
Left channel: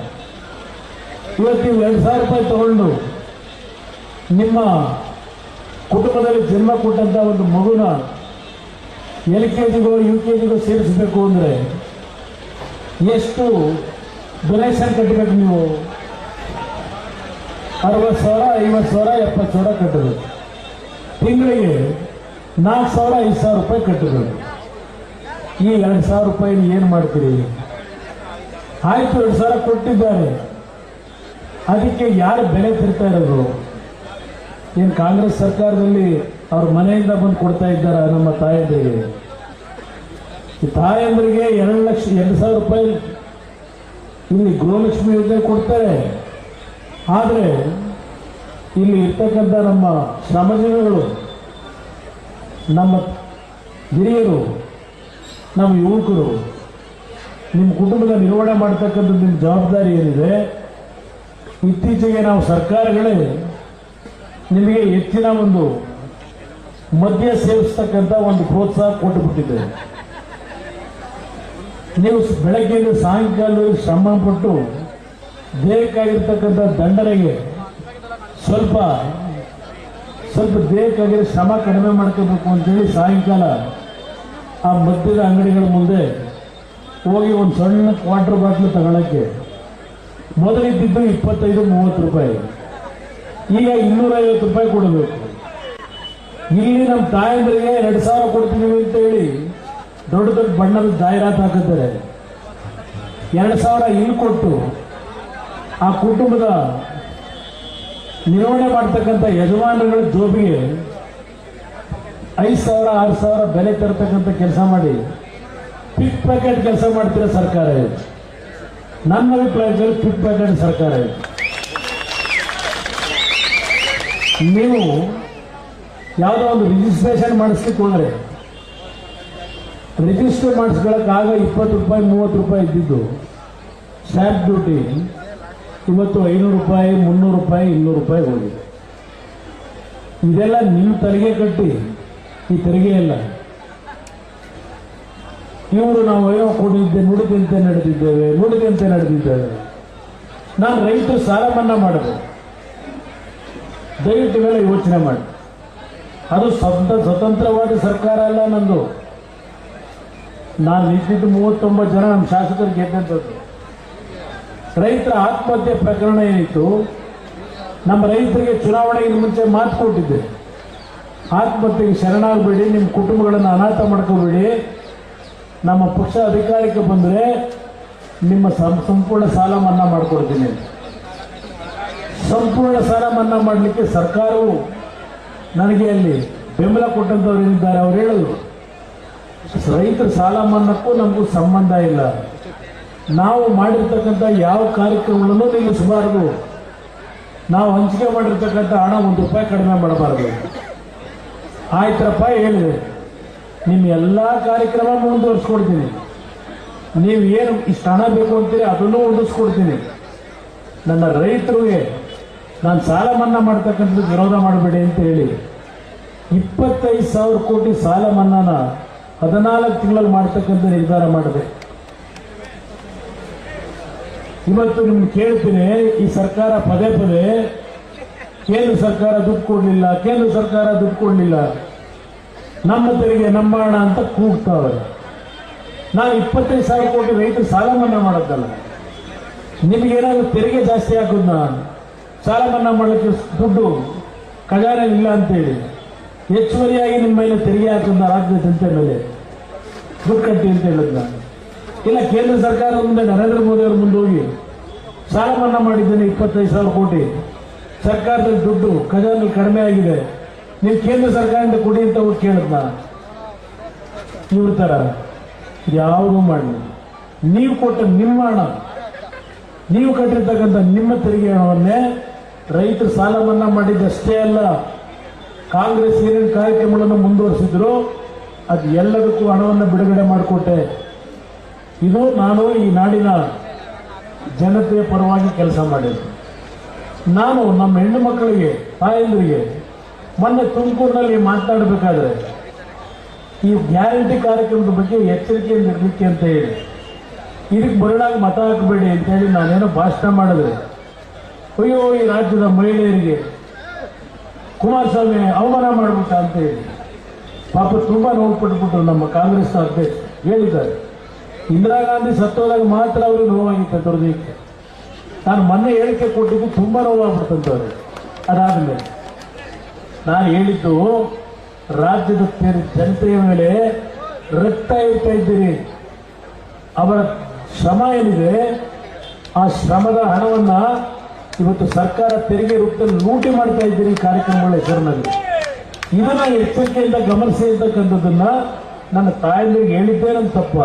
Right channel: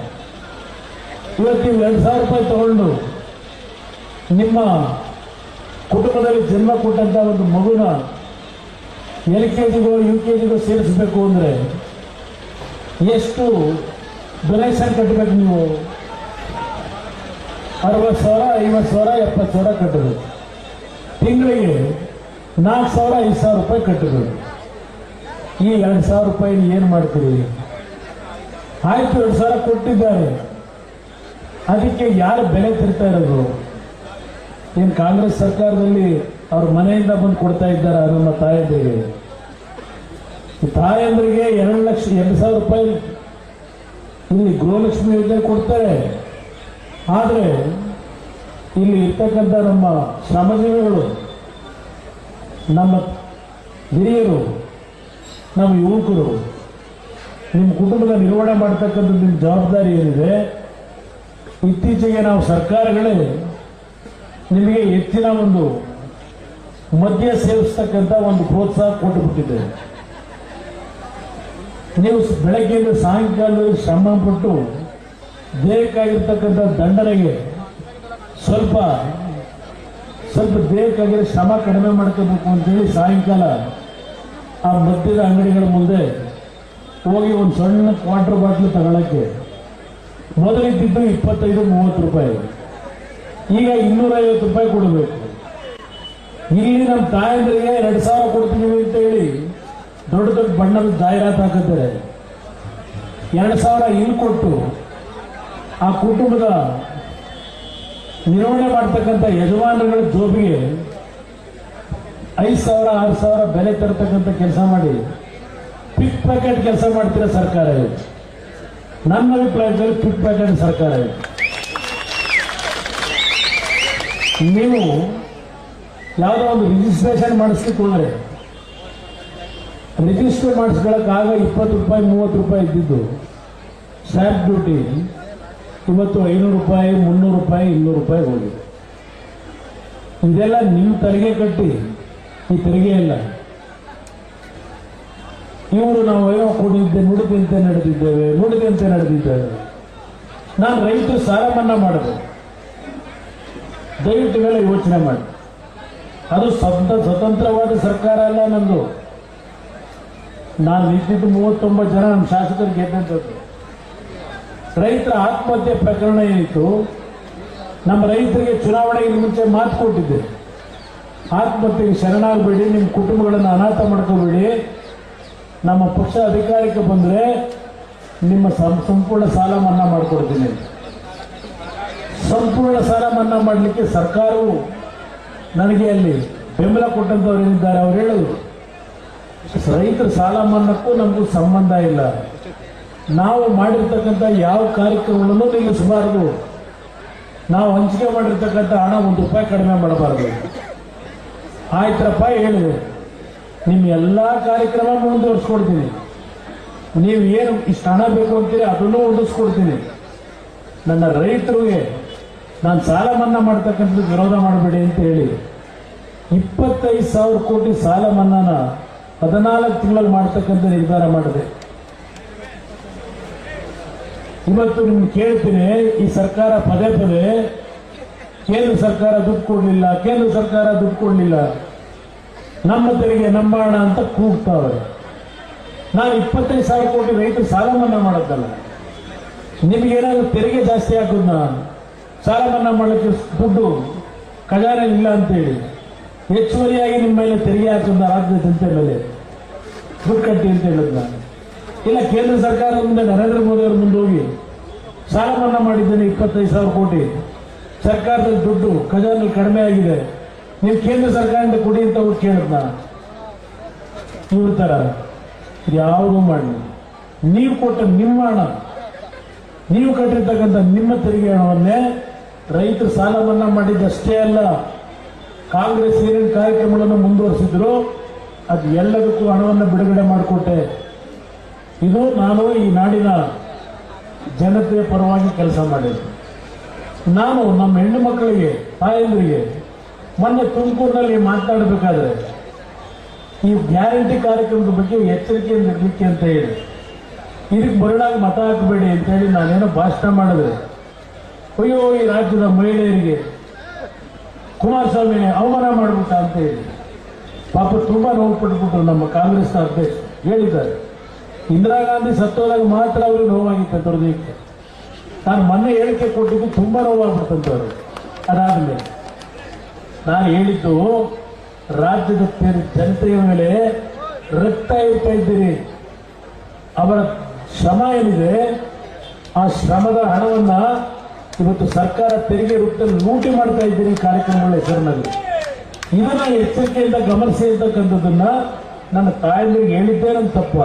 ಇವತ್ತು ನೀವು ಎರಡು ಸಾವಿರ ರೂಪಾಯಿ ತಗೊಂಡು ನಿಮ್ಮ ಕುಟುಂಬದಲ್ಲಿ ಜನ್ಮ ಕೊಟ್ಟಂತ ಒಂದು ಮಗುನ ಎಲ್ ಕೆ ಜಿಗೋ, ಯು ಕೆ ಜಿಗೋ ಸೇರಿಸಬೇಕು ಅಂದರೆ ಎಷ್ಟು ಡೊನೇಷನ್ ಕಟ್ಟಬೇಕು ನೀವು? ಅರವತ್ತು ಸಾವಿರ, ಐವತ್ತು ಸಾವಿರ, ಎಪ್ಪತ್ತು ಸಾವಿರ ಕಟ್ಟಬೇಕು. ತಿಂಗಳಿಗೆ ನಾಲ್ಕು ಸಾವಿರ, ಐದು ಸಾವಿರ ರೂಪಾಯಿ ಕಟ್ಟಬೇಕು. ಈ ಎರಡು ಸಾವಿರ ರೂಪಾಯಿ ಏನು ಮಾಡ್ತೀರಿ? ಆಯ್ತು, ಎರಡು ಸಾವಿರ ಕೊಟ್ಟಿದ್ದಾರೆ. ಅದಕ್ಕೆ ಯಾರು ಬೆಲೆ ತಿರ್ತಾ ಇರೋದು? ಏನು ಕಾಂಗ್ರೆಸ್ ಸರ್ಕಾರದಲ್ಲಿ ಅವ್ರ ಮನೆಯಿಂದ ಬಂದು ಕೊಡ್ತಾ ಇದ್ದಾರ ನಮ್ಮ ತಾಯಂದಿರಿಗೆ? ತಾಯಂದ್ರಿಗೆ ಎರಡು ಲಕ್ಷ, ಎರಡು ಸಾವಿರ ರೂಪಾಯಿ ಇಲ್ಲಿ ಗೃಹಲಕ್ಷ್ಮಿ ಯೋಜನೆ ಕೊಡ್ತಾರೆ. ಆದರೆ ಇಲ್ಲಿ ಇರ್ತಕ್ಕಂಥ ನಮ್ಮ ಶ್ರಮಜೀವಿಗಳು, ನಮ್ಮ ಹಿರಿಯರು, ನಮ್ಮ ಯುವಕರು, ನಿಮ್ಮ ಕುಟುಂಬದ ನಿರ್ವಹಣೆ ಮಾಡ್ತಕ್ಕಂಥ ನಿಮ್ಮ ಜವಾಬ್ದಾರಿ ಏನಿದೆ? ಇತ್ತೀಚೆಗೆ ನಾವು ಸರ್ಕಾರಗಳೇ ನಿಮಗೆ ಹೆಚ್ಚಿನ ಒಂದು ಮದ್ಯ ಸೇವಿಸ್ತಕ್ಕಂಥ ಒಂದು ಪ್ರೋತ್ಸಾಹ ಕೊಟ್ಟು ಬಿಟ್ಟಿದೆ ನೀವು ಬೆಳಗ್ಗೆಯಿಂದ ಸಾಯಂಕಾಲ ಶ್ರಮ ಪಟ್ಟು ದೇಹಕ್ಕಾಗಿರ್ತಕ್ಕಂಥ ದಂಡನೆಗೆ ಸ್ವಲ್ಪ ಸ್ವಲ್ಪ ದೇಹಕ್ಕಾಗಿರೋ ಶ್ರಮ ಕಡಿಮೆ ಮಾಡ್ಕೋಬೇಕು ಅಂತೇಳಿ ಸಾಯಂಕಾಲ ಆ ಮದ್ಯದ ಅಂಗಡಿಗಳ ಮುಂದೆ ಹೋಗಿ ಒಂದು ಸಣ್ಣ ಕ್ವಾರ್ಟರ್ ಬಾಟ್ಲು ತಗೊಳಕ್ಕೆ ಮೊದಲಿದ್ದಿದ್ದು ಇಪ್ಪತ್ತೈದು, ಮೂವತ್ತು ರೂಪಾಯಿ. ಈಗ ಇನ್ನೂರೈವತ್ತು ರೂಪಾಯಿ ಕೊಡಬೇಕು. ಇಲ್ಲಿ ನಮ್ಮ ತಾಯಂದ್ರಿಗೆ ಎರಡು ಸಾವಿರ ಕೊಡ್ತೀವಿ ಅಂತ ಹೇಳಿ ದೊಡ್ಡ ದೊಡ್ಡ ಬಣ್ಣದ ಜಾಹೀರಾತು ಹಾಕಿದ್ದಾರೆ. ಎರಡು ಸಾವಿರ ಇಲ್ಲಿ ಕೊಟ್ಟು ಆ ಕುಟುಂಬದ ನಿರ್ವಹಣೆ ಮಾಡ್ತಕ್ಕಂಥ ಯಜಮಾನರುಗಳ ಜೋಬಿಗೆ ಐದು ಸಾವಿರ, ಆರು ಸಾವಿರ ಬೆಲೆ ತರತಕ್ಕಂಥ ಕೆಲಸ ಮಾಡಿ, ಪಿಕ್ ಪ್ಯಾಕೆಟ್ ಕೆಲಸ ಮಾಡ್ತೀರ ಸರ್ಕಾರ ನನ್ನ ಅಭಿಪ್ರಾಯದಲ್ಲಿ ಫಿಟ್ ಪ್ಯಾಕೆಟ್ ಸರ್ಕಾರ ಇದು. ನೀವು ಯಾವುದೋ ಒಂದು ರಿಜಿಸ್ಟ್ರೇಷನ್ ಮಾಡಿಸ್ಲಿಕ್ಕೆ ರಿಜಿಸ್ಟರ್ ಮಾಡಿಸ್ಕೊಳಕ್ ಆಗ ಇಪ್ಪತ್ತು ರೂಪಾಯಿ, ಮೂವತ್ತು ರೂಪಾಯಿ ಇದ್ದಿದ್ದು. ಸ್ಟ್ಯಾಂಪ್ ಡ್ಯೂಟಿ ಇವತ್ತು ಐನೂರು ರೂಪಾಯಿ, ಮುನ್ನೂರು ರೂಪಾಯಿ, ಇನ್ನೂರು ರೂಪಾಯಿ ಹೋಗಿದೆ. ಇದೆಲ್ಲ ನಿಮ್ಮ ತೆರಿಗೆ ಕಟ್ಟಿ, ಈ ತೆರಿಗೆ ಇಲ್ಲ ಇವರು ನಾವು ಏನೋ ಕೂಡಿದ್ದೆ ನುಡಿದಂತೆ ನಡೆದಿದ್ದೇವೆ ನುಡಿದಂತೆ ನಡೆದಿದ್ದೇವೆ. ನಾನು ರೈತರು ಸಾಲ ಮನ್ನಾ ಮಾಡಿದೆ. ದಯವಿಟ್ಟು ಮೇಲೆ ಯೋಚನೆ ಮಾಡಿ. ಅದು ಸ್ವಂತ ಸ್ವತಂತ್ರವಾದ ಸರ್ಕಾರ ಅಲ್ಲ ನಂದು. ನಾನು ನಿಂತಿದ್ದು ಮೂವತ್ತೊಂಬತ್ತು ಜನ ನಮ್ಮ ಶಾಸಕರು ಗೆದ್ದಂಥದ್ದು. ರೈತರ ಆತ್ಮಹತ್ಯೆ ಪ್ರಕರಣ ಏನಿತ್ತು, ನಮ್ಮ ರೈತರಿಗೆ ಚುನಾವಣೆಗೆ ಮುಂಚೆ ಮಾತು ಕೊಟ್ಟಿದ್ದೆ. ಆತ್ಮಹತ್ಯೆಗೆ ಶರಣಾಗಬೇಡಿ, ನಿಮ್ಮ ಕುಟುಂಬಗಳನ್ನು ಅನಾಥ ಮಾಡ್ಕೋಬೇಡಿ. ನಮ್ಮ ಪಕ್ಷ ಅಧಿಕಾರಕ್ಕೆ ಬಂದರೆ ನಿಮ್ಮ ಸಂಪೂರ್ಣ ಸಾಲ ಮನ್ನಾ ಮಾಡಿಕೊಡ್ತೀನಿ. ಸಂಪೂರ್ಣ ಸಾಲ ಮನ್ನಾ ಮಾಡಲಿಕ್ಕೆ ಸರ್ಕಾರವು ನನಗೆ ಅಲ್ಲಿ ಬೆಂಬಲ ಕೊಟ್ಟಂಥವ್ರು ಏನಿದ್ದಾರೆ ಅವ್ರು ಹೇಳಿದ್ರು ರೈತರ ಸಾಲ ಮನ್ನಾಕ್ಕೂ ನಮಗೂ ಸಂಬಂಧ ಇಲ್ಲ. ನಾವು ಮಾಡಿರ್ತಕ್ಕಂಥ ಯಾವ ಕಾರ್ಯಕ್ರಮಗಳನ್ನು ನಿಲ್ಲಿಸಬಾರದು ನಾವು ಹಂಚಿಕೆ ಮಾಡಿರ್ತಕ್ಕಂಥ ಹಣ ಒಂದು ರೂಪಾಯಿ ಕಡಿಮೆ ಮಾಡಬಾರದು. ಆಯ್ತರಪ್ಪ ಹೇಳಿದೆ ನಿಮ್ಮ ಎಲ್ಲ ಕಾರ್ಯಕ್ರಮ ಮುಂದುವರಿಸ್ಕೊಡ್ತೀನಿ. ನೀವು ಏನು ಇಷ್ಟು ಹಣ ಬೇಕು ಅಂತೀರಿ, ಅದನ್ನು ಉಳಿಸ್ಕೊಡ್ತೀನಿ ನನ್ನ ರೈತರಿಗೆ ನಾನು ಸಾಲ ಮನ್ನಾ ಮಾಡ್ತಕ್ಕಂಥದ್ದು ವಿರೋಧ ಮಾಡಬೇಡಿ ಅಂತ ಹೇಳಿ, ಇಪ್ಪತ್ತೈದು ಸಾವಿರ ಕೋಟಿ ಸಾಲ ಮನ್ನಾನ ಹದಿನಾಲ್ಕು ತಿಂಗಳಲ್ಲಿ ಮಾಡ್ತಕ್ಕಂಥ ನಿರ್ಧಾರ ಮಾಡಿದೆ. ಇವತ್ತು ನಿಮ್ಗೆ ಕೇಳ್ತೀನಿ, ಈ ಸರ್ಕಾರ ಪದೇ ಪದೇ ಕೇಂದ್ರ ಸರ್ಕಾರ ದುಡ್ಡು ಕೊಡಲಿಲ್ಲ, ಕೇಂದ್ರ ಸರ್ಕಾರ ದುಡ್ಡು ಕೊಡಲಿಲ್ಲ. ನಮ್ಮ ತೆರಿಗೆ ನಂಬೋಣ ಅಂತ ಕೂಗ್ತಾವೆ ನಾನು ಇಪ್ಪತ್ತೈದು ಸಾವಿರ ಕೋಟಿ ರೈತರು ಸಾಲ ಮನ್ನಾ ಮಾಡೋದಲ್ಲ. ನಿಮಗೇನಾದ್ರೂ ತೆರಿಗೆ ಜಾಸ್ತಿ ಹಾಕೋದ್ನ ಸಾಲ ಮನ್ನಾ ಮಾಡೋಕ್ಕೆ ದುಡ್ಡು ಖಜಾನೆ ಇಲ್ಲ ಅಂತೇಳಿ. ಹೆಚ್ಚುವರಿಯಾಗಿ ನಿಮ್ಮ ಮೇಲೆ ತೆರಿಗೆ ಹಾಕೋದು ರಾಜ್ಯ ಜನತೆ ಮೇಲೆ. ದುಡ್ಡು ಕಟ್ಟಿ ಅಂತ ಹೇಳಿದ್ನ ಇಲ್ಲ ಕೇಂದ್ರ ಸರ್ಕಾರ ಮುಂದೆ ನರೇಂದ್ರ ಮೋದಿ ಅವ್ರ ಮುಂದೆ ಹೋಗಿ ಸಾಲ ಮನ್ನಾ ಮಾಡಿದ್ದೇನೆ ಇಪ್ಪತ್ತೈದು ಸಾವಿರ ಕೋಟಿ. ಸರ್ಕಾರದ ದುಡ್ಡು ಖಜಾನೆ ಕಡಿಮೆ ಆಗಿದೆ. ನೀವು ಕೇಂದ್ರ ಸರ್ಕಾರದಿಂದ ಕೊಡಿ ಅಂತ ಅವ್ರು ಕೇಳಿದ್ನ? ಇವ್ರ ಥರ ಯಾವುದೂ ಮಾಡಿ ನೀವು ಕೊಟ್ಟ ನಿಮ್ಮ ಹಣ, ನೀವು ಕಟ್ಟಿರ್ತಕ್ಕಂಥ ನಿಮ್ಮ ತೆರಿಗೆ ಹಣವನ್ನೇ ರೈತರು ಸಾಲ ಮನ್ನಾ ಮಾಡಿದ್ದಷ್ಟೇ ಅಲ್ಲ, ಕಾಂಗ್ರೆಸ್ ಏನೇನು ಕಾರ್ಯಕ್ರಮಗಳನ್ನು ಮುಂದುವರಿಸಿದ್ರು, ಅದು ಎಲ್ಲದಕ್ಕೂ ಹಣವನ್ನು ಬಿಡುಗಡೆ ಮಾಡಿಕೊಟ್ಟೆ. ಇದು ನಾನು ಈ ನಾಡಿನ ಜನತೆಯ ಪರವಾಗಿ ಕೆಲಸ ಮಾಡಿದ್ದೆ. ನಾನು ನಮ್ಮ ಹೆಣ್ಣು ಮಕ್ಕಳಿಗೆ, ತಾಯಂದ್ರಿಗೆ ಮೊನ್ನೆ ತುಮಕೂರಿನಲ್ಲಿ ಮಾತನಾಡಬೇಕಾದ್ರೆ ಈ ಗ್ಯಾರಂಟಿ ಕಾರ್ಯಕ್ರಮದ ಬಗ್ಗೆ ಎಚ್ಚರಿಕೆಯಿಂದ ಇರಲಿಕ್ಕೆ ಅಂತ ಹೇಳಿ. ಇದಕ್ಕೆ ಬರಡಾಗಿ ಮತ ಹಾಕಬೇಡಿ ಅಂತ ಹೇಳಿ ನಾನೇನೋ ಭಾಷಣ ಮಾಡಿದ್ರೆ ಅಯ್ಯೋ, ಈ ರಾಜ್ಯದ ಮಹಿಳೆಯರಿಗೆ ಕುಮಾರಸ್ವಾಮಿ ಅವಮಾನ ಮಾಡ್ಬಿಟ್ಟ ಅಂತ ಹೇಳಿ. ಪಾಪ ತುಂಬಾ ನೋವು ಪಟ್ಬಿಟ್ರು ನಮ್ಮ ಕಾಂಗ್ರೆಸ್ ಅಧ್ಯಕ್ಷ ಹೇಳಿದ್ದಾರೆ. ಇಂದಿರಾ ಗಾಂಧಿ ಸತ್ತೋದಾಗ ಮಾತ್ರ ಅವ್ರಿಗೆ ನೋವಾಗಿತ್ತು ಹೃದಯಕ್ಕೆ ನಾನು ಮೊನ್ನೆ ಹೇಳಿಕೆ ಕೊಟ್ಟಿದ್ದು ತುಂಬಾ ನೋವಾಗ್ಬಿಡ್ತಂತೆ ಅದಾದ ಅದಾದ್ಮೇಲೆ ನಾನು ಹೇಳಿದ್ದು ರಾಜ್ಯದ ಜನ- ಜನತೆಯ ಮೇಲೆ ರಕ್ತ ಇಡ್ತಾ ಇದ್ದೀರಿ. ಅವರ ಶ್ರಮ ಏನಿದೆ, ಆ ಶ್ರಮದ ಹಣವನ್ನ ಇವತ್ತು ಸರ್ಕಾರ ತೆರಿಗೆ ರೂಪದಲ್ಲಿ ಲೂಟಿ ಮಾಡ್ತಾ ಇದ್ದೀರಿ ಕಾರ್ಯಕ್ರಮಗಳ ಹೆಸರಿನಲ್ಲಿ. ಇದನ್ನ ಎಚ್ಚರಿಕೆಯಿಂದ ಗಮನಿಸಿ ಇರ್ತಕ್ಕಂಥದ್ದನ್ನ ನನ್ನ ತಾಯಂದಿರಿಗೆ ಹೇಳಿದ್ದೇ ನನ್ನ ತಪ್ಪ.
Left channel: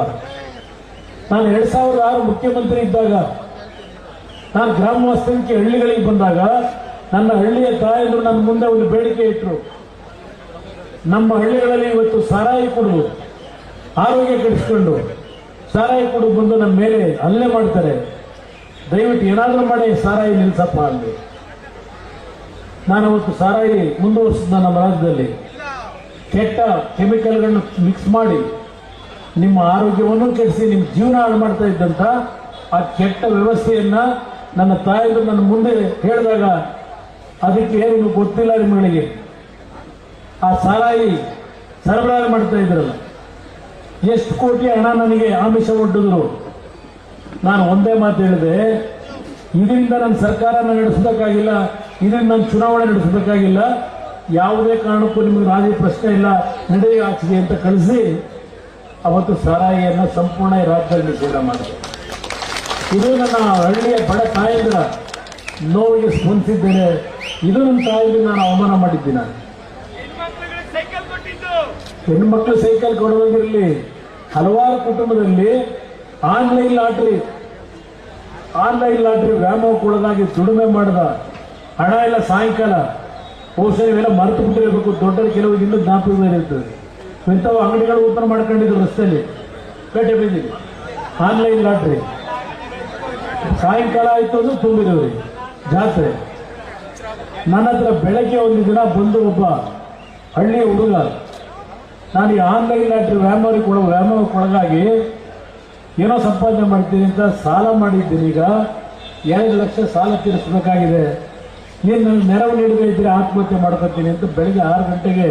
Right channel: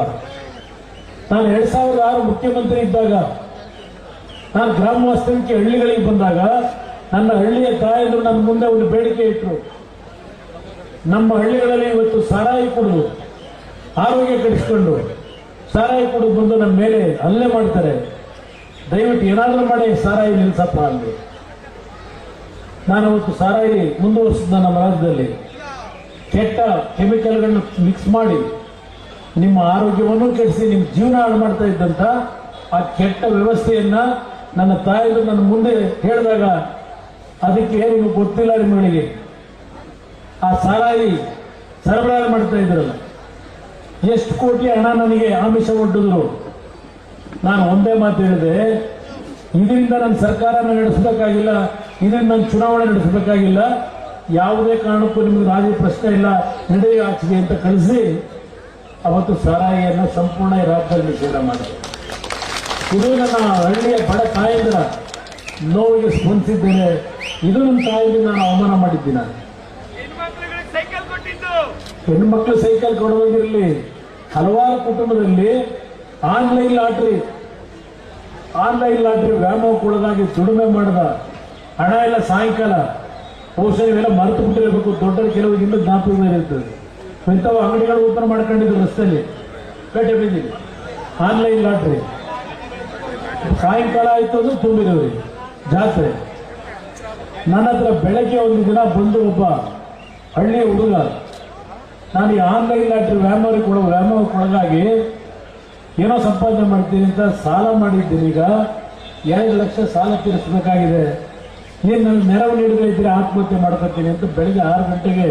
ನಾನು ಎರಡ್ ಸಾವಿರದ ಆರು ಮುಖ್ಯಮಂತ್ರಿ ಇದ್ದಾಗ, ನಾನು ಗ್ರಾಮ ಹಳ್ಳಿಗಳಿಗೆ ಬಂದಾಗ ನನ್ನ ಹಳ್ಳಿಯ ತಾಯಂದರು ನನ್ನ ಮುಂದೆ ಒಂದು ಬೇಡಿಕೆ ಇಟ್ಟರು ನಮ್ಮ ಹಳ್ಳಿಗಳಲ್ಲಿ ಇವತ್ತು ಸಾರಾಯಿ ಕುಡಿದು ಆರೋಗ್ಯ ಕೆಡಿಸ್ಕೊಂಡು ಸಾರಾಯಿ ಕೊಡು ಬಂದು ನಮ್ಮ ಮೇಲೆ ಅಲ್ಲೇ ಮಾಡ್ತಾರೆ. ದಯವಿಟ್ಟು ಏನಾದರೂ ಮಾಡಿ ಸಾರಾಯಿ ನಿಲ್ಸಪ್ಪ ಅಲ್ಲಿ ನಾನು ಅವತ್ತು ಸಾರಾಯಿ ಮುಂದುವರಿಸಿದ ನಮ್ಮ ರಾಜ್ಯದಲ್ಲಿ. ಕೆಟ್ಟ ಕೆಮಿಕಲ್ಗಳನ್ನು ಮಿಕ್ಸ್ ಮಾಡಿ ನಿಮ್ಮ ಆರೋಗ್ಯವನ್ನು ಕೆಡಿಸಿ ನಿಮ್ಮ ಜೀವನ ಹಾಳು ಮಾಡ್ತಾ ಇದ್ದಂತ ಆ ಕೆಟ್ಟ ವ್ಯವಸ್ಥೆಯನ್ನ ನನ್ನ ತಾಯಿಗಳು ನನ್ನ ಮುಂದೆ ಹೇಳಿದಾಗ ಅದಕ್ಕೆ ಏನು ಗೊತ್ತಿಲ್ಲ ನಿಮ್ಮಗಳಿಗೆ ಆ ಸಾರಾಯಿ ಸರಬರಾಜು ಮಾಡ್ತಾ ಇದ್ರಲ್ಲ. ಎಷ್ಟು ಕೋಟಿ ಹಣ ನನಗೆ ಆಮಿಷ ಒಡ್ಡಿದ್ರು. ನಾನು ಒಂದೇ ಮಾತು ಹೇಳಿದೆ, ಇದರಿಂದ ನನ್ನ ಸರ್ಕಾರ ನಡೆಸಬೇಕಾಗಿಲ್ಲ, ಇದರಿಂದ ನಾನು ಚುನಾವಣೆ ನಡೆಸಬೇಕಾಗಿಲ್ಲ, ಯಾವುದೇ ಕಾರಣಕ್ಕೂ ನಿಮಗೆ ರಾಜಿ ಪ್ರಶ್ನೆ ಇಲ್ಲ, ನಡೆಯ ಆಚೆಗೆ ಅಂತ ಕಳಿಸಿ, ಅವತ್ತು ಸಾರಾಯಿಯನ್ನು ಸಂಪೂರ್ಣ ರಾಜ್ಯದಲ್ಲಿ ನಿಷೇಧ ಮಾಡಿದೆ. ಇದು ನನ್ನ ಹಳ್ಳಿಯ ಬಡ ತಾಯಂದ್ರ ನೋವಿಗೆ ಸ್ಪಂದಿಸಿದ್ದೇನೆ. ಇದು ನನ್ನ ತಾಯಿಗೆ ನಾನು ಅವಮಾನ ಮಾಡಿದ್ದೀನಿ ನಾನು. ಹೆಣ್ಣು ಮಕ್ಕಳು ಸೈಕಲ್ ಕೊಡುವುದಿರಲಿ ಹಲವಾರು ಕುಟುಂಬದಲ್ಲಿ ಆನ್ಲೈನ್ ಲಾಟ್ರಿ ಆನ್ಲೈನ್ ಲಾಟ್ರಿ ವ್ಯಾಮೋಹಕ್ಕೊಳಗಾಗಿ ದುಡಿಮೆ ಮಾಡಿದ ಹಣ ಎಲ್ಲ ಸಾಯಂಕಾಲ ಬಹುಶಃ ಇವೆಲ್ಲ ಮರೆತು ಬಿಟ್ಟಿರಬೇಕು ದೊಡ್ಡ ಕೆಲವು ಇನ್ನೂ ಜ್ಞಾಪಕ ಇರ್ತದೆ. ಇಂಥವು ಅಂಗಡಿಗಳು ಓಪನ್ ಮಾಡ್ಕೊಂಡಿದ್ರು ರಸ್ತೆಯಲ್ಲಿ. ಪೇಟೆ ಬಿದ್ದಿದೆ ಆನ್ಲೈನ್ ಲಾಟ್ರಿ. ಸಾಯಂಕಾಲ ಆಯ್ತು ಅಂದ್ರೆ ತುಂಬಿರೋರಿ ಜಾತ್ರೆ. ನನ್ನ ಹತ್ರ ಬೆಳಗ್ಗೆ ಒಂದು ದಿನ ಬಂದು ಒಬ್ಬ ಹಳ್ಳಿ ಹುಡುಗ, ನಾನು ಈ ಆನ್ಲೈನ್ ಲಾಟ್ರಿ ವ್ಯಾಮೋರಿ ಕೊಡ ವ್ಯಾಮೋರಿ ಕೊಡಗಾಗಿ ಏನೋ ಸಂಪಾದನೆ ಮಾಡ್ತೀನಿ ಅಂತ ಸಾಲ ಮಾಡಿದ್ದೀನಿ ಈಗ. ಎರಡು ಲಕ್ಷ ಸಾಲ ತೀರಿಸಬೇಕಾಗಿದೆ. ಏನು ನನಗೆ ನೆರವು ನೀಡದೇ ಇದ್ದರೆ ಆತ್ಮಹತ್ಯೆ ಮಾಡ್ಕೊತೀನಿ ಅಂತ ಬೆಳಗ್ಗೆ ಆರು ಗಂಟೆಗೆ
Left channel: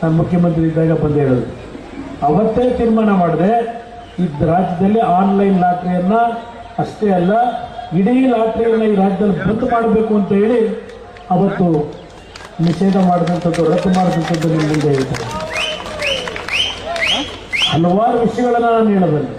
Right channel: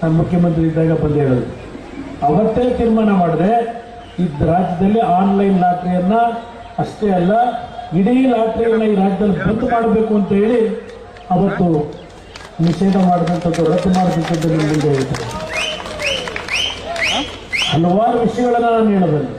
ನಾನು ಮುಖ್ಯಮಂತ್ರಿ ಇದ್ದಾಗ ಬಂದು ಹೇಳೋದು. ಅವತ್ತೇ ತೀರ್ಮಾನ ಮಾಡಿದೆ, ಈ ರಾಜ್ಯದಲ್ಲಿ ಆನ್ಲೈನ್ ಲಾಟ್ರಿಯನ್ನ ಅಷ್ಟೇ ಅಲ್ಲ, ಇಡೀ ಲಾಟ್ರಿಯನ್ನ ಈ ರಾಜ್ಯದಲ್ಲಿ ಬಂದ್ ಮಾಡಬೇಕು ಅಂತ ಹೇಳಿ ಅವತ್ತು ನಿಷೇಧ ಮಾಡಿದಂಥದ್ದು ರದ್ದು ಮಾಡಿದಂಥದ್ದು ನಿಮ್ಮ ಮುಂದೆ ಹಲವಾರು ವಿಷಯಗಳನ್ನು ನಾನು ಹೇಳಬಲ್ಲೆ.